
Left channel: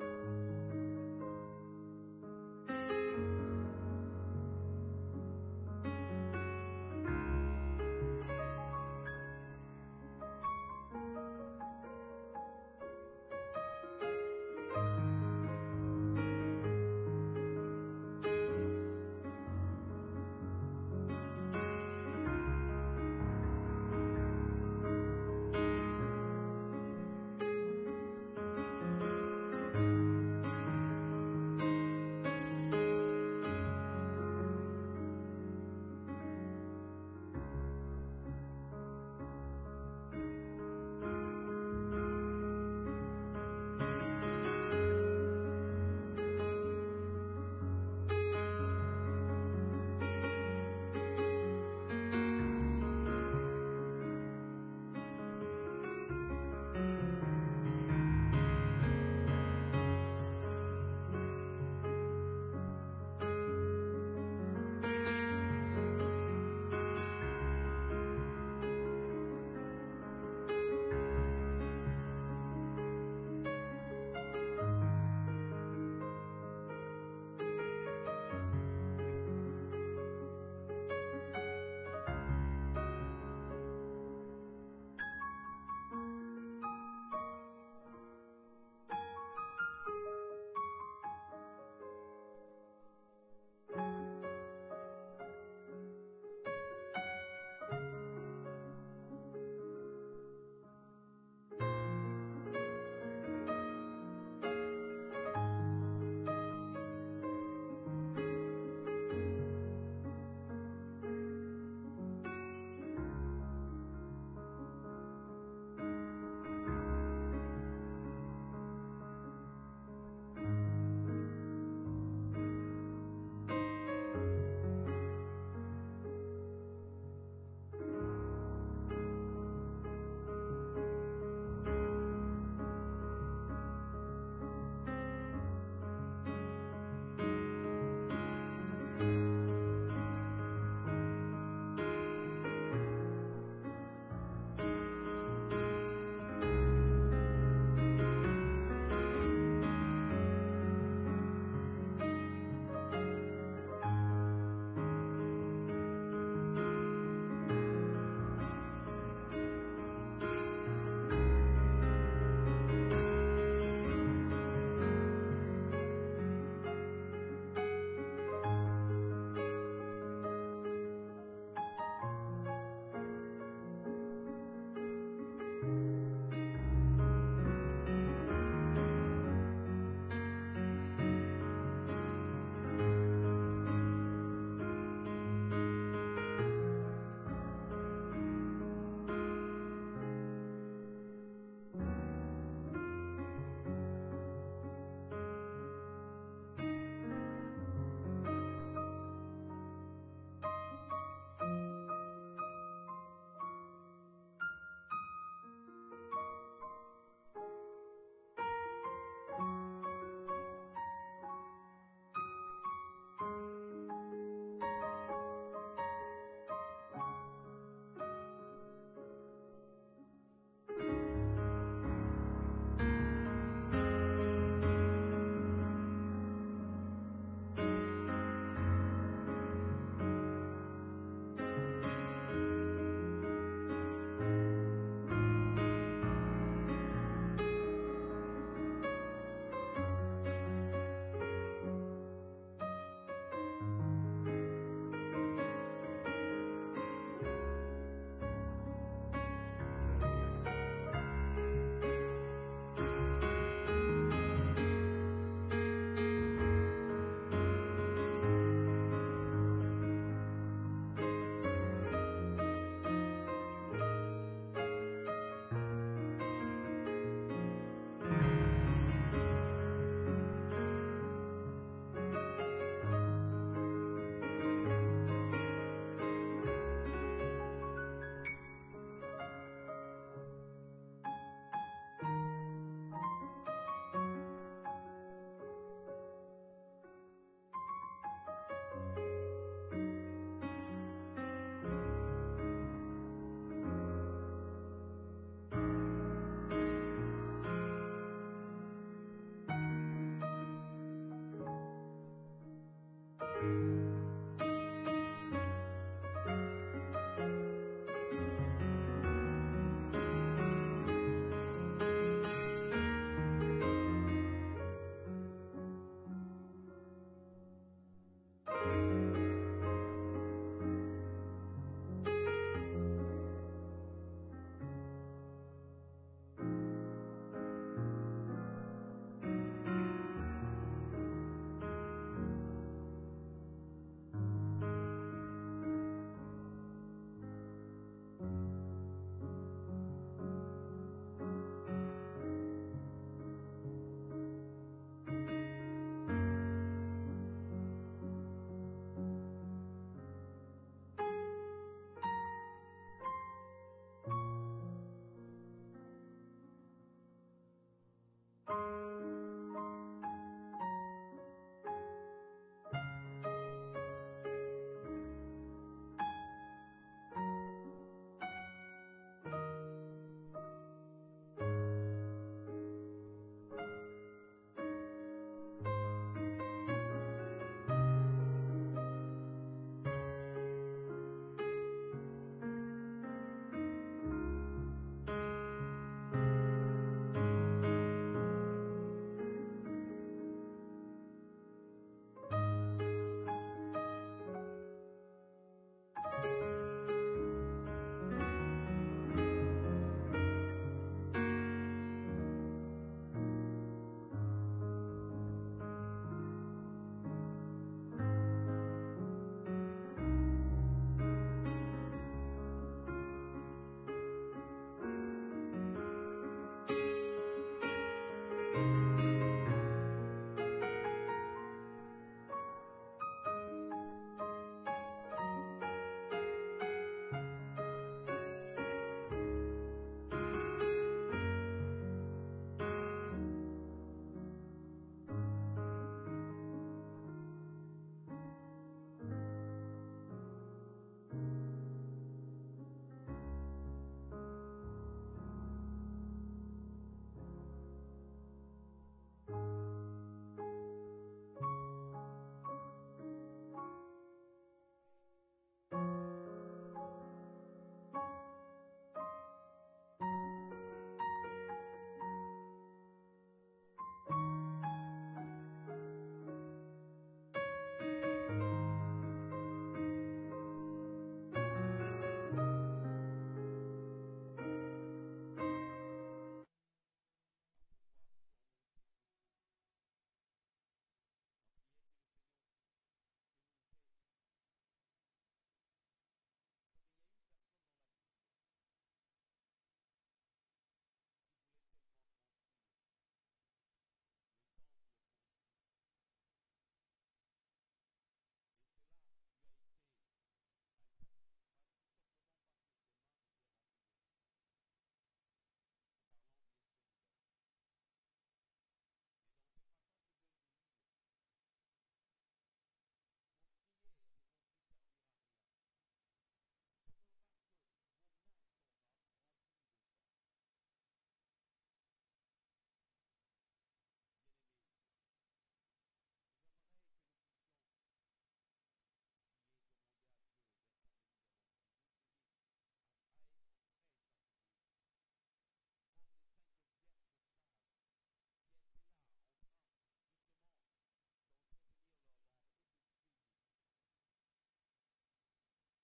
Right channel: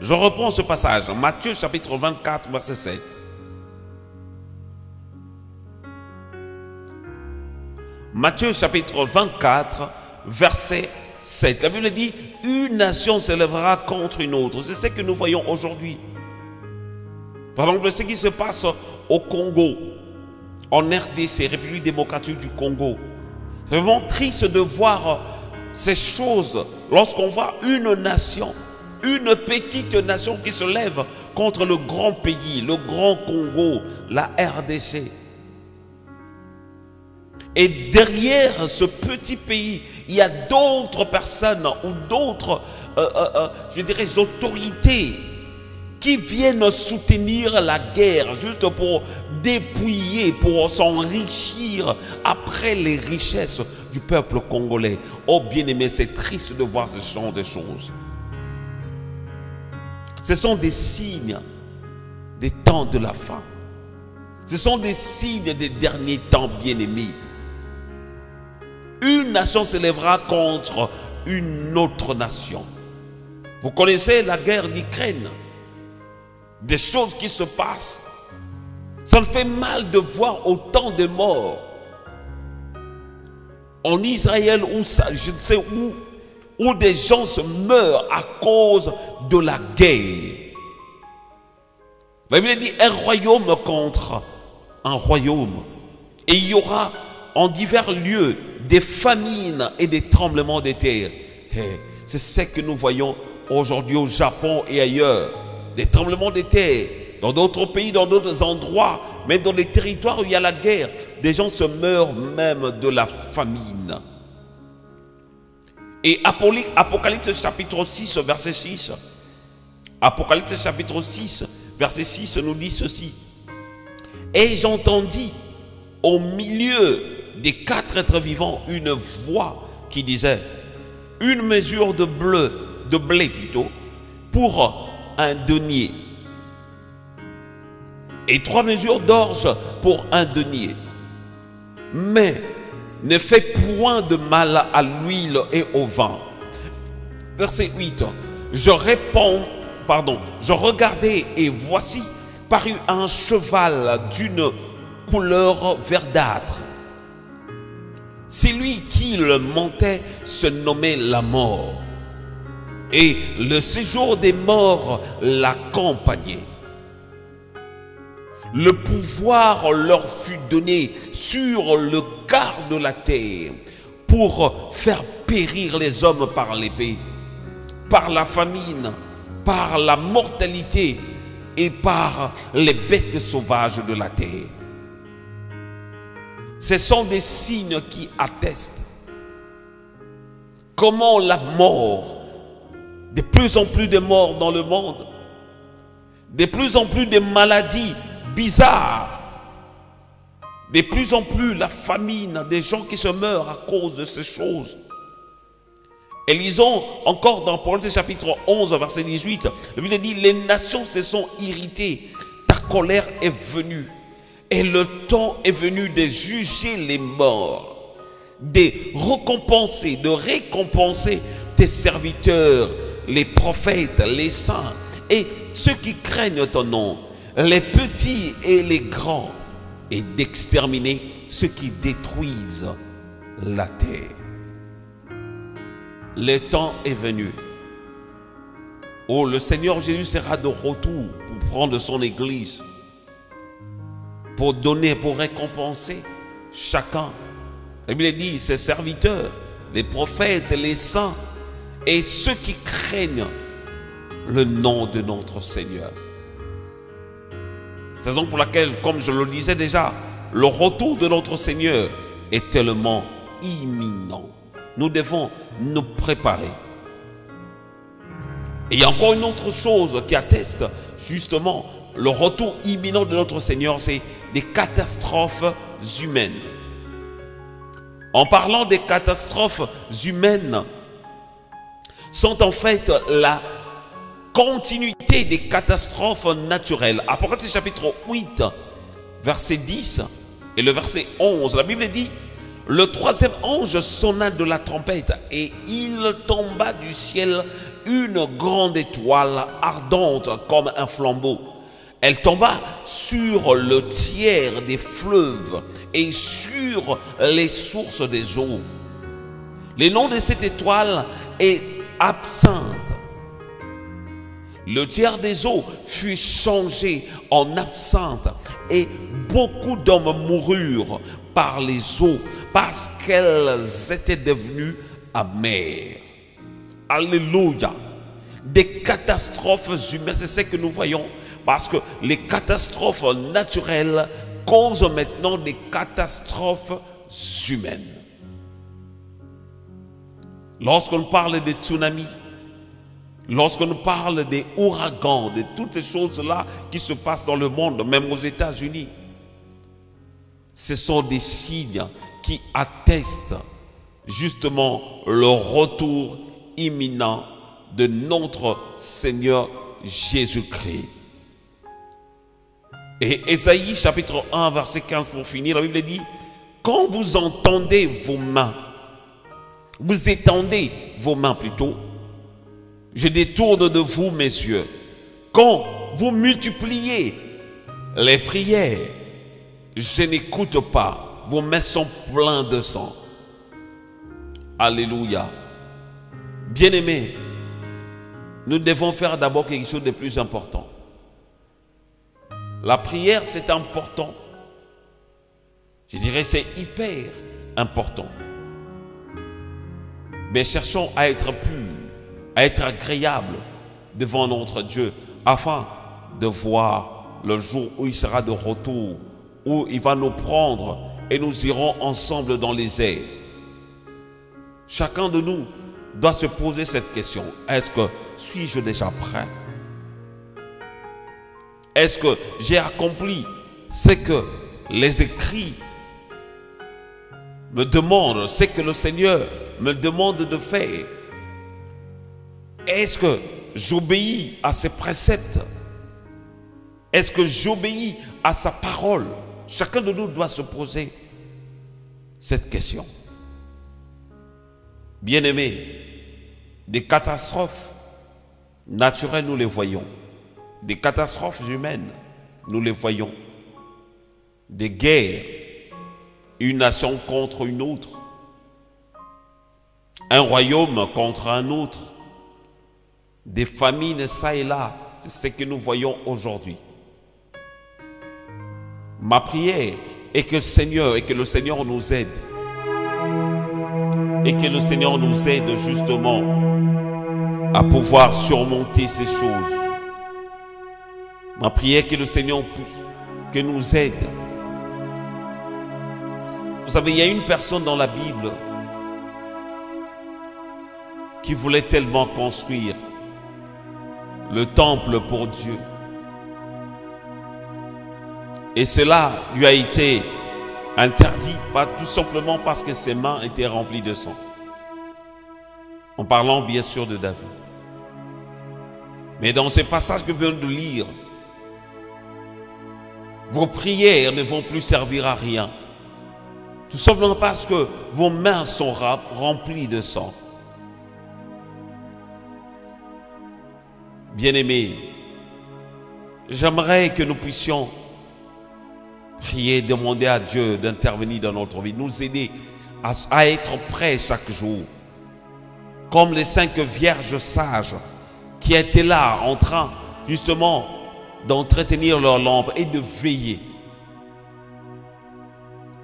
Je reprends ce passage. Matthieu chapitre 24, verset 7. Matthieu chapitre 24, verset 7. La Bible dit, une nation s'élèvera contre une autre. C'est ce que nous voyons aujourd'hui. Par exemple, ce qui se passe au Congo, en RDC, République démocratique du Congo. C'est vraiment triste de voir ces choses lorsqu'on voit une nation, une petite nation qui se lève contre le grand pays, le grand Congo, la RDC. Et derrière ce petit pays, il y a d'autres personnes ou d'autres, je dirais, autorités qui viennent soutenir la guerre juste pour dépouiller, pour s'enrichir après les richesses du peuple congolais. Oh bien-aimé, c'est triste de voir ce genre de choses. Ce sont des signes des temps de la fin. Ce sont des signes des derniers temps, bien-aimés. Une nation s'élèvera contre une autre nation. Vous connaissez la guerre d'Ukraine. Des choses qui se passent Ça me fait mal de voir autant de morts en Israël, où ça, je ne sais où des gens se meurent à cause de la guerre. La Bible dit un royaume contre un royaume. Et il y aura en divers lieux des famines et des tremblements de terre. C'est ce que nous voyons aujourd'hui au Japon et ailleurs. Des tremblements de terre dans d'autres pays, dans d'autres endroits, même dans les territoires où il y a la guerre. Des gens se meurent même de la famine. Et Apocalypse chapitre 6, verset 6. Apocalypse chapitre 6, verset 6 nous dit ceci. Et j'entendis au milieu des 4 êtres vivants une voix qui disait: une mesure de blé plutôt, pour un denier, et 3 mesures d'orge pour un denier. Mais ne fais point de mal à l'huile et au vin. Verset 8. Je regardai et voici parut un cheval d'une couleur verdâtre. Celui qui le montait se nommait la mort, et le séjour des morts l'accompagnait. Le pouvoir leur fut donné sur le quart de la terre pour faire périr les hommes par l'épée, par la famine, par la mortalité et par les bêtes sauvages de la terre. Ce sont des signes qui attestent comment la mort, de plus en plus de morts dans le monde, de plus en plus de maladies bizarres, de plus en plus la famine, des gens qui se meurent à cause de ces choses. Et lisons encore dans Apocalypse chapitre 11, verset 18, la Bible dit: les nations se sont irritées, ta colère est venue, et le temps est venu de juger les morts, de récompenser tes serviteurs, les prophètes, les saints, et ceux qui craignent ton nom, les petits et les grands, et d'exterminer ceux qui détruisent la terre. Le temps est venu où le Seigneur Jésus sera de retour pour prendre son église, pour donner, pour récompenser chacun. La Bible dit: ses serviteurs, les prophètes, les saints et ceux qui craignent le nom de notre Seigneur. C'est la raison pour laquelle, comme je le disais déjà, le retour de notre Seigneur est tellement imminent. Nous devons nous préparer. Et il y a encore une autre chose qui atteste justement le retour imminent de notre Seigneur, c'est des catastrophes humaines. En parlant des catastrophes humaines, sont en fait la continuité des catastrophes naturelles. Apocalypse chapitre 8, verset 10 et le verset 11, la Bible dit: le troisième ange sonna de la trompette et il tomba du ciel une grande étoile ardente comme un flambeau. Elle tomba sur le tiers des fleuves et sur les sources des eaux. Le nom de cette étoile est Absinthe. Le tiers des eaux fut changé en absinthe et beaucoup d'hommes moururent par les eaux parce qu'elles étaient devenues amères. Alléluia. Des catastrophes humaines, c'est ce que nous voyons, parce que les catastrophes naturelles causent maintenant des catastrophes humaines. Lorsqu'on parle des tsunamis, lorsqu'on parle des ouragans, de toutes ces choses-là qui se passent dans le monde, même aux États-Unis, ce sont des signes qui attestent justement le retour imminent de notre Seigneur Jésus-Christ. Et Ésaïe chapitre 1 verset 15 pour finir, la Bible dit: quand vous entendez vos mains, vous étendez vos mains plutôt, je détourne de vous mes yeux. Quand vous multipliez les prières, je n'écoute pas, vos mains sont pleines de sang. Alléluia. Bien-aimés, nous devons faire d'abord quelque chose de plus important. La prière, c'est important. Je dirais c'est hyper important. Mais cherchons à être purs, à être agréables devant notre Dieu, afin de voir le jour où il sera de retour, où il va nous prendre et nous irons ensemble dans les airs. Chacun de nous doit se poser cette question. Est-ce que suis-je déjà prêt? Est-ce que j'ai accompli ce que les écrits me demandent, ce que le Seigneur me demande de faire? Est-ce que j'obéis à ses préceptes? Est-ce que j'obéis à sa parole? Chacun de nous doit se poser cette question. Bien-aimés, des catastrophes naturelles, nous les voyons. Des catastrophes humaines, nous les voyons. Des guerres, une nation contre une autre. Un royaume contre un autre. Des famines ça et là, c'est ce que nous voyons aujourd'hui. Ma prière est que le Seigneur nous aide. Et que le Seigneur nous aide justement à pouvoir surmonter ces choses. Ma prière est que le Seigneur nous aide. Vous savez, il y a une personne dans la Bible qui voulait tellement construire le temple pour Dieu. Et cela lui a été interdit, pas tout simplement parce que ses mains étaient remplies de sang. En parlant bien sûr de David. Mais dans ce passage que je viens de lire, vos prières ne vont plus servir à rien. Tout simplement parce que vos mains sont remplies de sang. Bien-aimés, j'aimerais que nous puissions prier, demander à Dieu d'intervenir dans notre vie, nous aider à être prêts chaque jour. Comme les 5 vierges sages qui étaient là en train justement d'entretenir leur lampe et de veiller.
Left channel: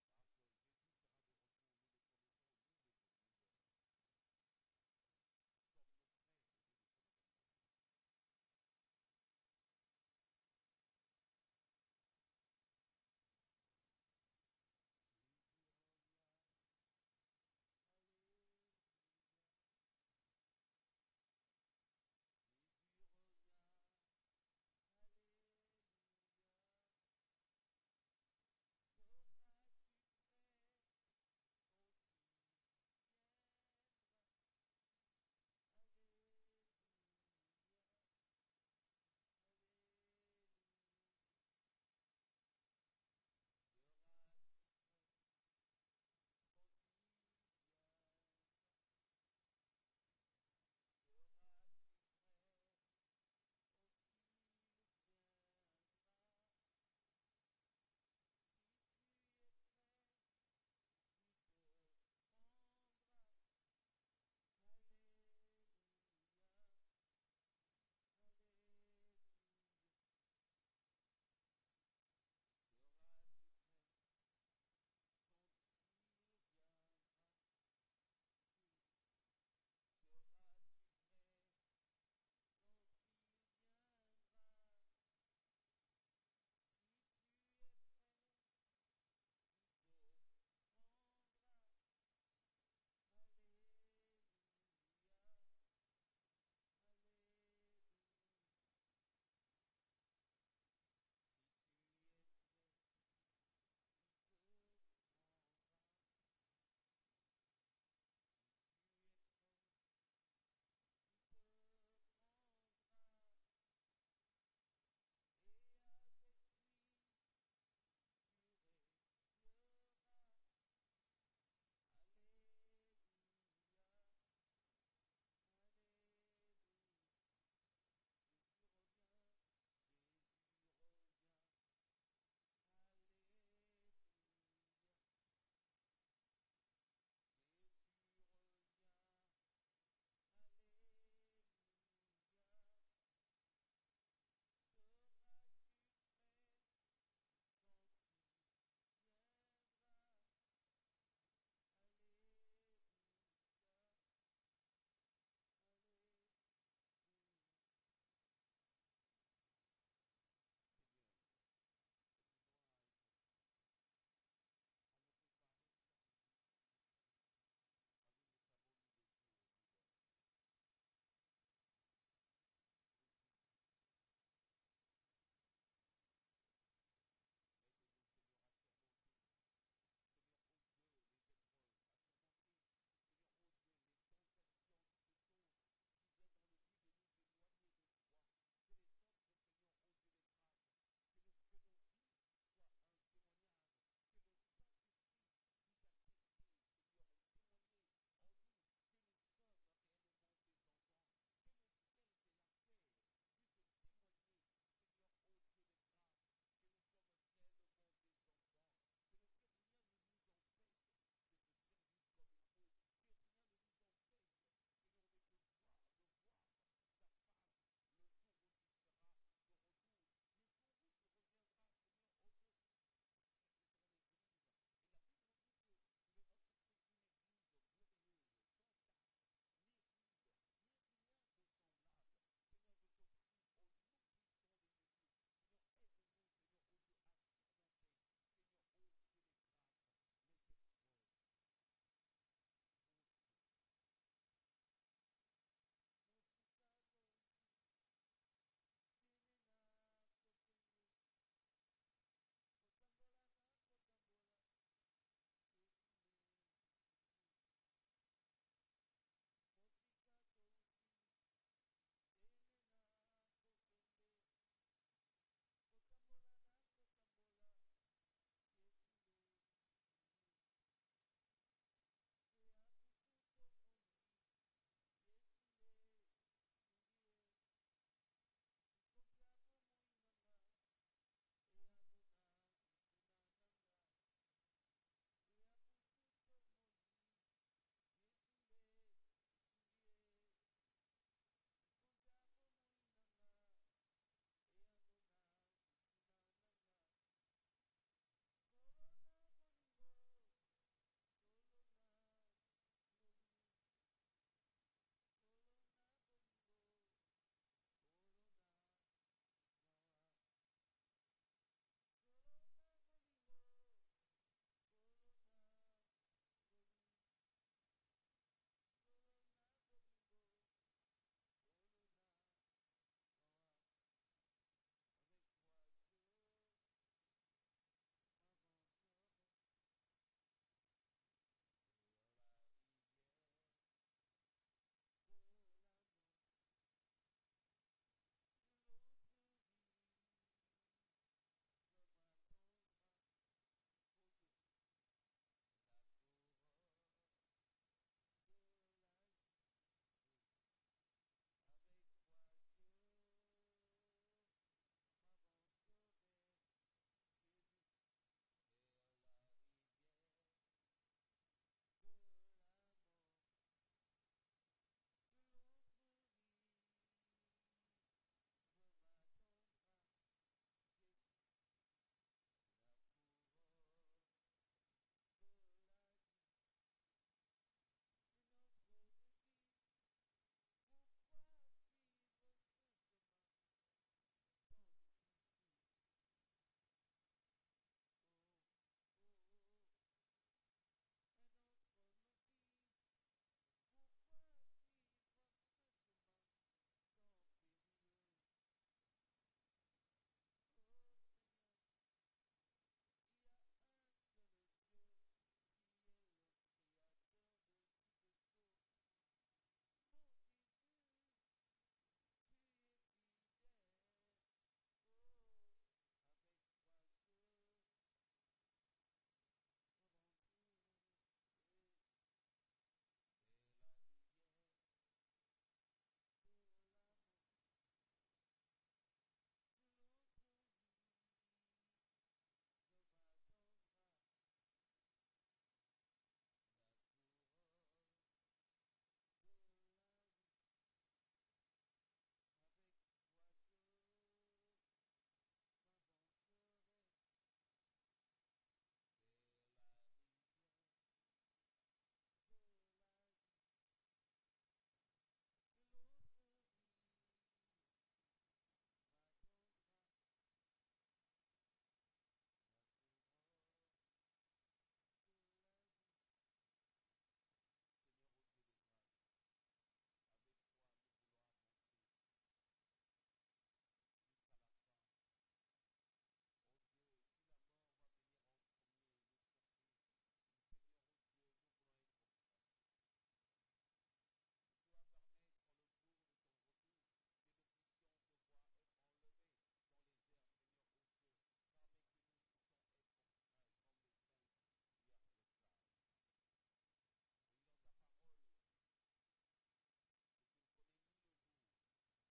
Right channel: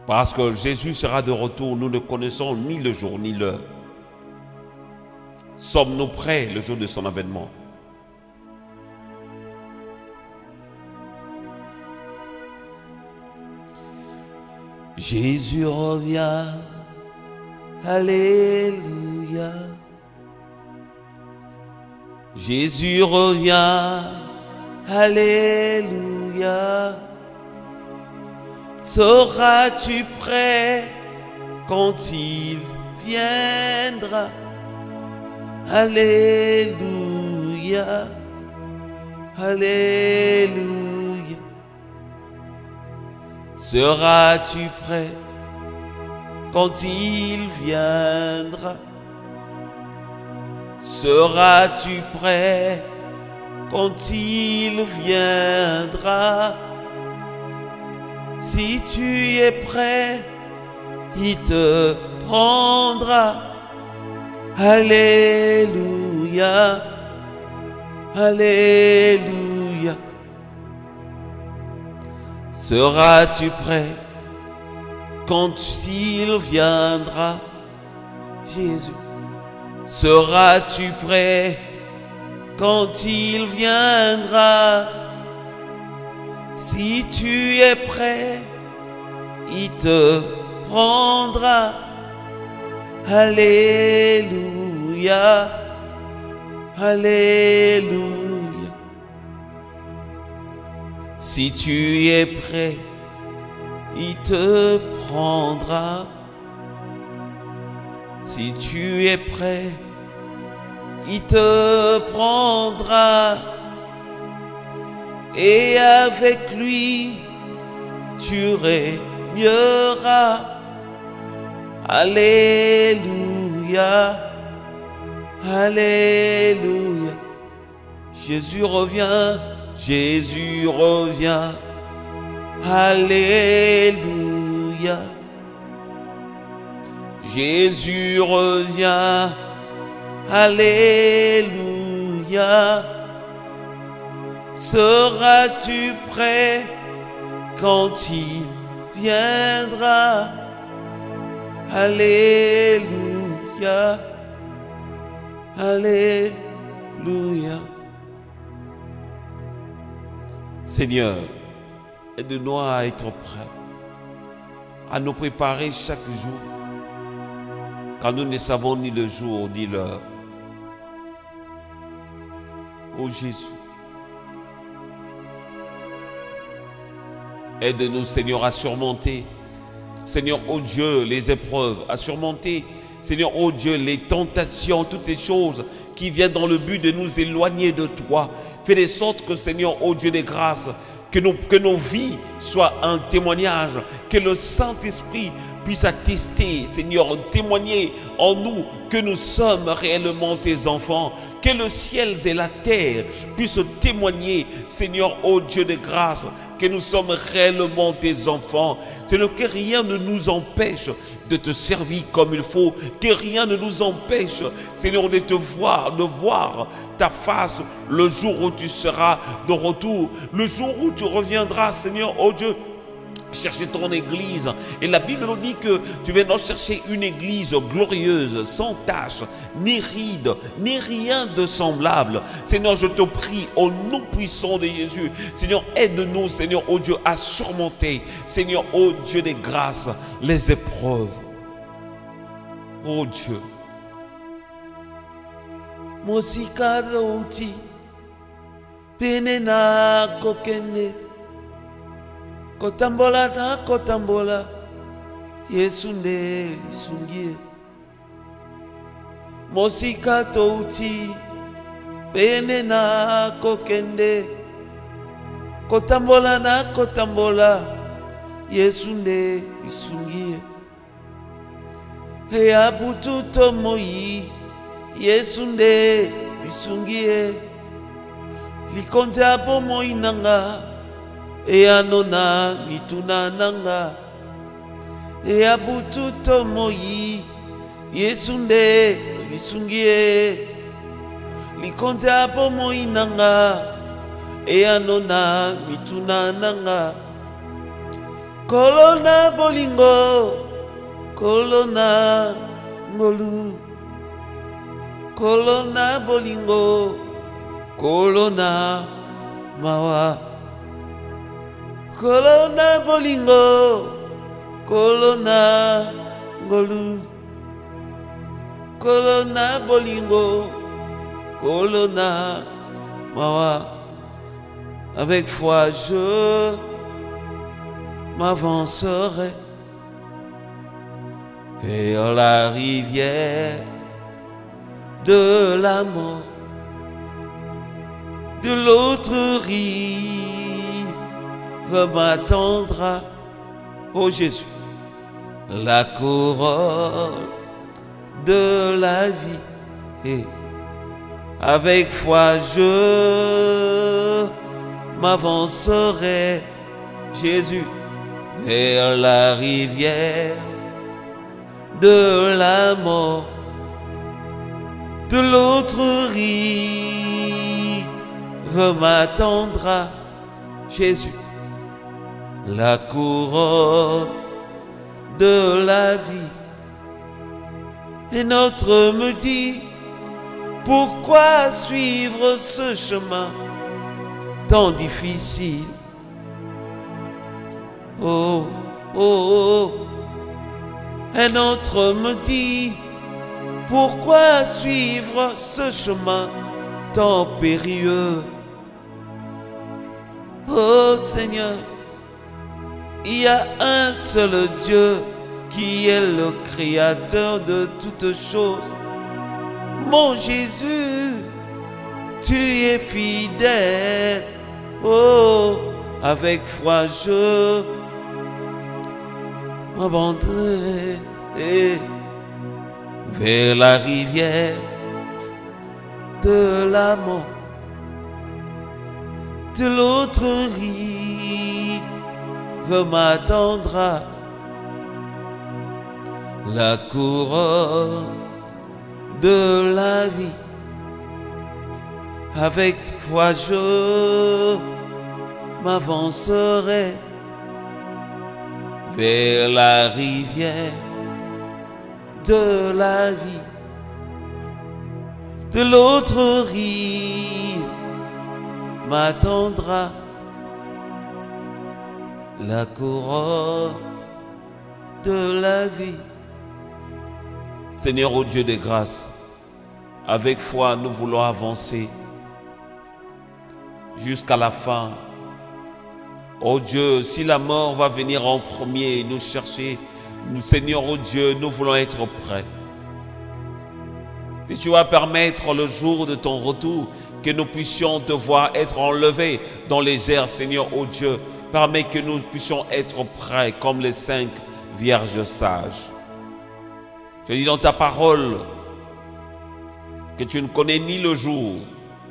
Parce que Jésus sera de retour, nous ne connaissons ni le jour ni l'heure. Sommes-nous prêts le jour de son avènement? Jésus revient, alléluia. Jésus revient, alléluia. Seras-tu prêt quand il viendra? Alléluia, alléluia. Seras-tu prêt quand il viendra? Seras-tu prêt quand il viendra? Si tu es prêt, il te prendra. Alléluia, alléluia. Seras-tu prêt quand il viendra? Jésus. Seras-tu prêt quand il viendra? Si tu es prêt, il te prendra. Alléluia, alléluia. Si tu es prêt, il te prendra. Si tu es prêt, il te prendra. Et avec lui, tu régneras. Alléluia, alléluia. Jésus revient, Alléluia. Jésus revient. Alléluia. Seras-tu prêt quand il viendra? Alléluia. Alléluia. Seigneur, aide-nous à être prêts, à nous préparer chaque jour, quand nous ne savons ni le jour ni l'heure. Ô Jésus, aide-nous, Seigneur, à surmonter, Seigneur, ô Dieu, les épreuves, à surmonter, Seigneur, ô Dieu, les tentations, toutes ces choses qui viennent dans le but de nous éloigner de toi. Fais de sorte que, Seigneur, ô Dieu des grâces, que nos vies soient un témoignage, que le Saint-Esprit puisse attester, Seigneur, témoigner en nous que nous sommes réellement tes enfants, que le ciel et la terre puissent témoigner, Seigneur, ô Dieu de grâce, que nous sommes réellement tes enfants. Seigneur, que rien ne nous empêche de te servir comme il faut, que rien ne nous empêche, Seigneur, de te voir, de voir ta face le jour où tu seras de retour, le jour où tu reviendras, Seigneur, ô Dieu, chercher ton église. Et la Bible nous dit que tu viendras chercher une église glorieuse, sans tache, ni ride, ni rien de semblable. Seigneur, je te prie au nom puissant de Jésus. Seigneur, aide-nous, Seigneur, ô Dieu, à surmonter, Seigneur, ô Dieu des grâces, les épreuves. Ô Dieu. Mosika douti, penena kokene. Kotambola na kotambola, Yesu nde lisungie. Mosika touti, pene na kokende. Kotambola na kotambola, Yesu nde lisungie. He abutu tomoyi, Yesu nde lisungie. Likonze abo moi nanga. E anona mituna nanga, e abutu tomoyi, Yesu nde lisungie. Likonze abo moi nanga, e anona mituna nanga. Kolona bolingo, kolona ngolu. Kolona bolingo, kolona mawa. Kolona bolingo, kolona ngolu. Kolona bolingo, kolona mawa. Avec foi je m'avancerai vers la rivière de la mort, de l'autre rive m'attendra, ô Jésus, la couronne de la vie. Et avec foi je m'avancerai, Jésus, vers la rivière de la mort, de l'autre rive m'attendra, Jésus, la couronne de la vie. Et notre me dit, pourquoi suivre ce chemin tant difficile? Oh, oh, oh. Un autre me dit, pourquoi suivre ce chemin tant périlleux? Oh Seigneur, il y a un seul Dieu qui est le créateur de toutes choses. Mon Jésus, tu es fidèle. Oh, avec foi je m'abandonnerai vers la rivière de la mort, de l'autre rive m'attendra. La couronne de la vie. Avec foi je m'avancerai vers la rivière de la vie. De l'autre rive m'attendra la couronne de la vie. Seigneur, ô Dieu de grâce, avec foi, nous voulons avancer jusqu'à la fin. Oh Dieu, si la mort va venir en premier et nous chercher, nous, Seigneur, oh Dieu, nous voulons être prêts. Si tu vas permettre le jour de ton retour que nous puissions te voir être enlevés dans les airs, Seigneur, oh Dieu, permets que nous puissions être prêts comme les 5 vierges sages. Je dis dans ta parole que tu ne connais ni le jour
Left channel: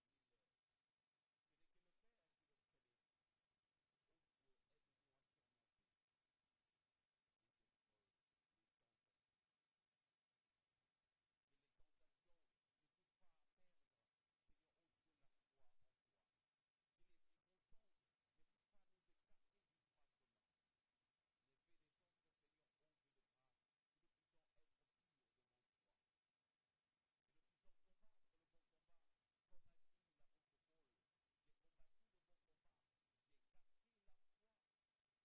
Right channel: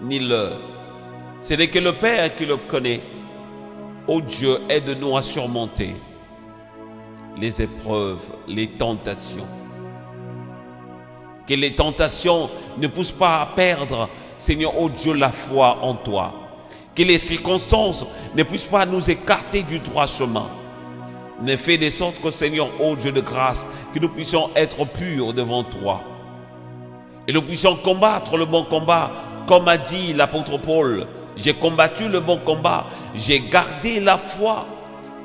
ni l'heure. Ce n'est que le Père qui le connaît. Oh Dieu, aide-nous à surmonter les épreuves, les tentations. Que les tentations ne poussent pas à perdre, Seigneur, oh Dieu, la foi en toi. Que les circonstances ne puissent pas nous écarter du droit chemin. Mais fais de sorte que, Seigneur, oh Dieu de grâce, que nous puissions être purs devant toi. Et nous puissions combattre le bon combat, comme a dit l'apôtre Paul. J'ai combattu le bon combat, j'ai gardé la foi,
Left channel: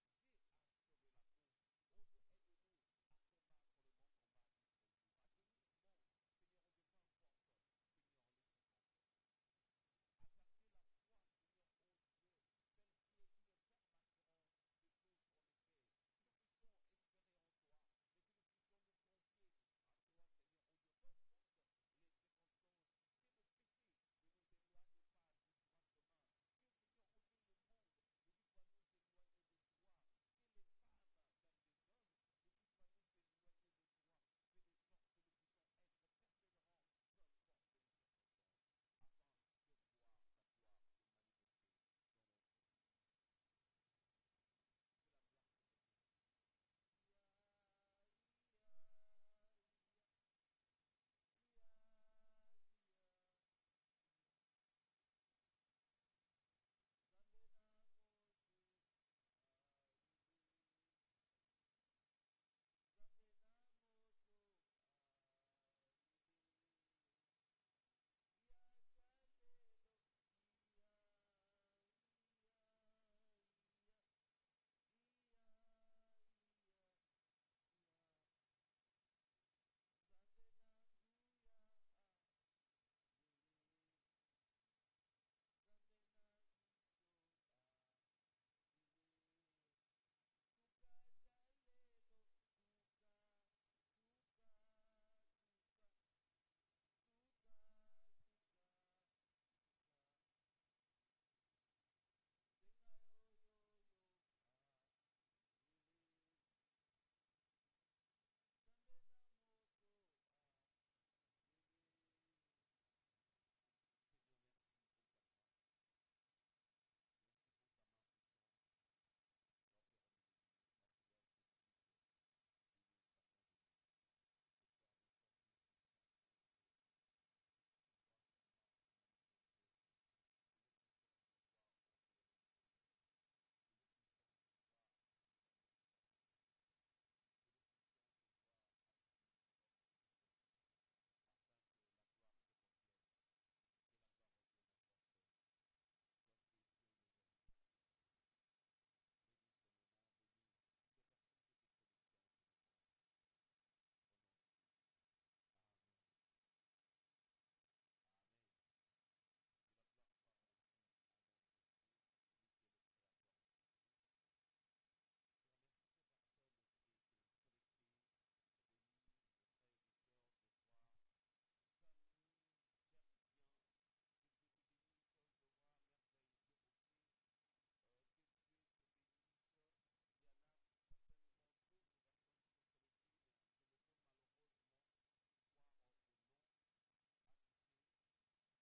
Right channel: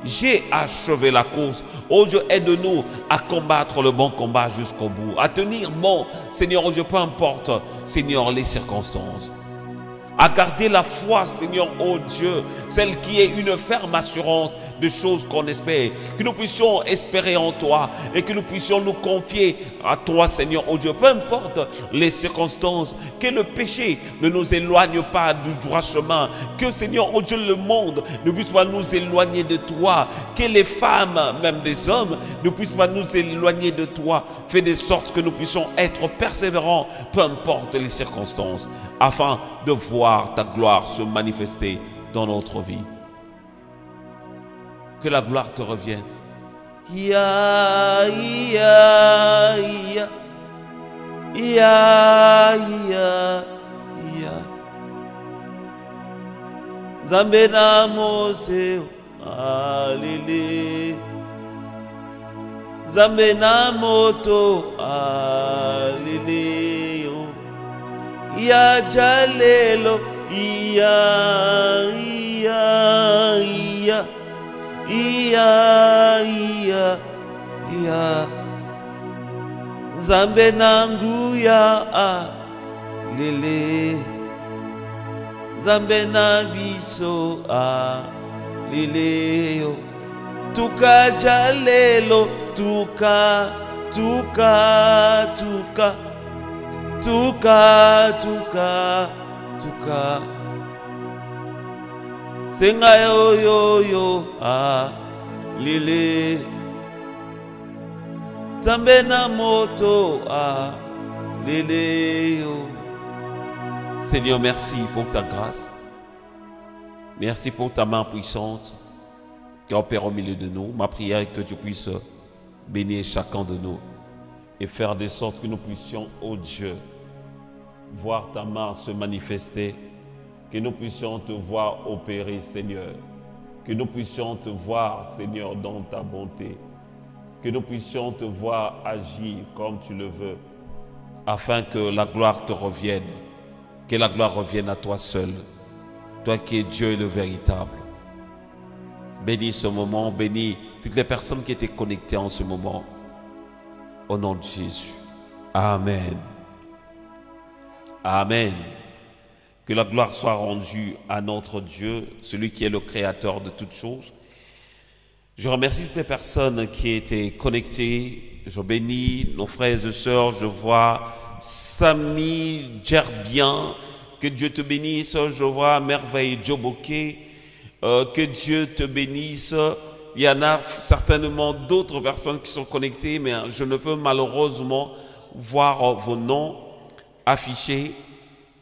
j'ai achevé la course. Oh Dieu, aide-nous à combattre le bon combat jusqu'au bout, à tenir bon, Seigneur, oh Dieu, peu importe, Seigneur, les circonstances. À garder la foi, Seigneur, oh Dieu, celle qui est une ferme assurance de choses qu'on espère. Que nous puissions espérer en toi et que nous puissions nous confier à toi, Seigneur, oh Dieu, peu importe les circonstances. Que le péché ne nous éloigne pas du droit chemin. Que, Seigneur, oh Dieu, le monde ne puisse pas nous éloigner de toi. Que les femmes, même des hommes, ne puissent pas nous éloigner de toi. Fais de sorte que nous puissions être persévérants, peu importe les circonstances, afin de voir ta gloire se manifester dans notre vie. Que la gloire te revienne. Ya, ya, ya. Ya, ya, ya. Nzambe na mose alele. Nzambe na moto alele. Ya jalelo. Ya, ya, ya. Iya, iya, iya. Nzambe nangu ya lele. Nzambe na biso lele yo. Tuka jalelo, tuka, tuka, tuka, tuka, tuka, tuka. Senga yo yo yo lele. Nzambe na moto lele yo. Seigneur, merci pour ta grâce. Merci pour ta main puissante qui opère au milieu de nous. Ma prière est que tu puisses bénir chacun de nous et faire de sorte que nous puissions, ô Dieu, voir ta main se manifester. Que nous puissions te voir opérer, Seigneur. Que nous puissions te voir, Seigneur, dans ta bonté. Que nous puissions te voir agir comme tu le veux, afin que la gloire te revienne. Que la gloire revienne à toi seul, toi qui es Dieu le véritable. Bénis ce moment, bénis toutes les personnes qui étaient connectées en ce moment. Au nom de Jésus. Amen. Amen. Que la gloire soit rendue à notre Dieu, celui qui est le créateur de toutes choses. Je remercie toutes les personnes qui étaient connectées. Je bénis nos frères et sœurs. Je vois Samy Djerbien. Que Dieu te bénisse. Je vois Merveille Djoboké. Que Dieu te bénisse. Il y en a certainement d'autres personnes qui sont connectées, mais je ne peux malheureusement voir vos noms affichés.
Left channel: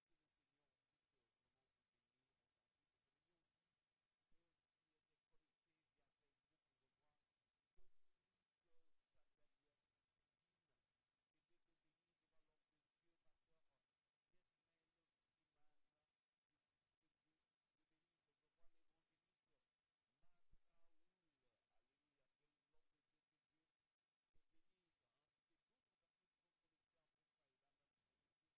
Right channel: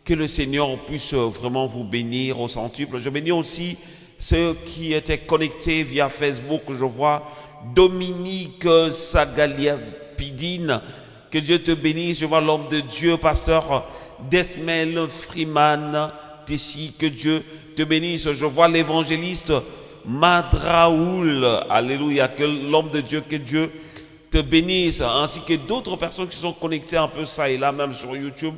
Que le Seigneur puisse vraiment vous bénir au centuple. Je bénis aussi ceux qui étaient connectés via Facebook. Je vois Dominique Sagaliapidine. Que Dieu te bénisse. Je vois l'homme de Dieu, pasteur Desmel Freeman Tessi. Que Dieu te bénisse. Je vois l'évangéliste Madraoul. Alléluia. Que l'homme de Dieu, que Dieu te bénisse. Ainsi que d'autres personnes qui sont connectées un peu ça et là, même sur YouTube.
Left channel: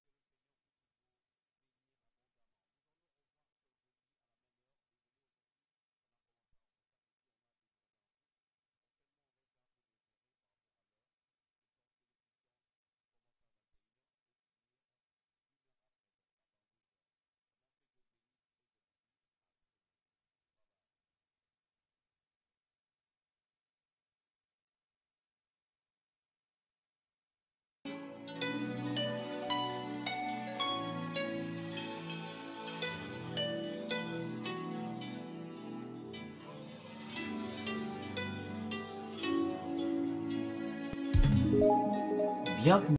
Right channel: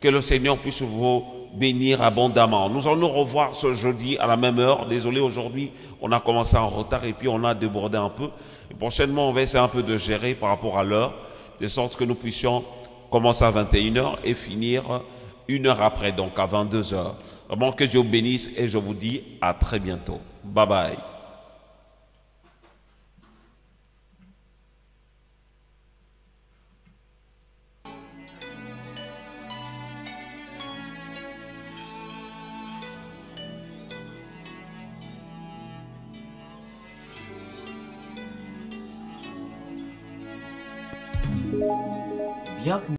Que le Seigneur puisse vous bénir abondamment. Nous allons nous revoir ce jeudi à la même heure. Désolé, aujourd'hui, on a commencé en retard et puis on a débordé un peu. Et prochainement, on va essayer un peu de gérer par rapport à l'heure, de sorte que nous puissions commencer à 21h et finir 1 heure après, donc à 22h. Vraiment que Dieu vous bénisse et je vous dis à très bientôt. Bye bye. Bienvenue.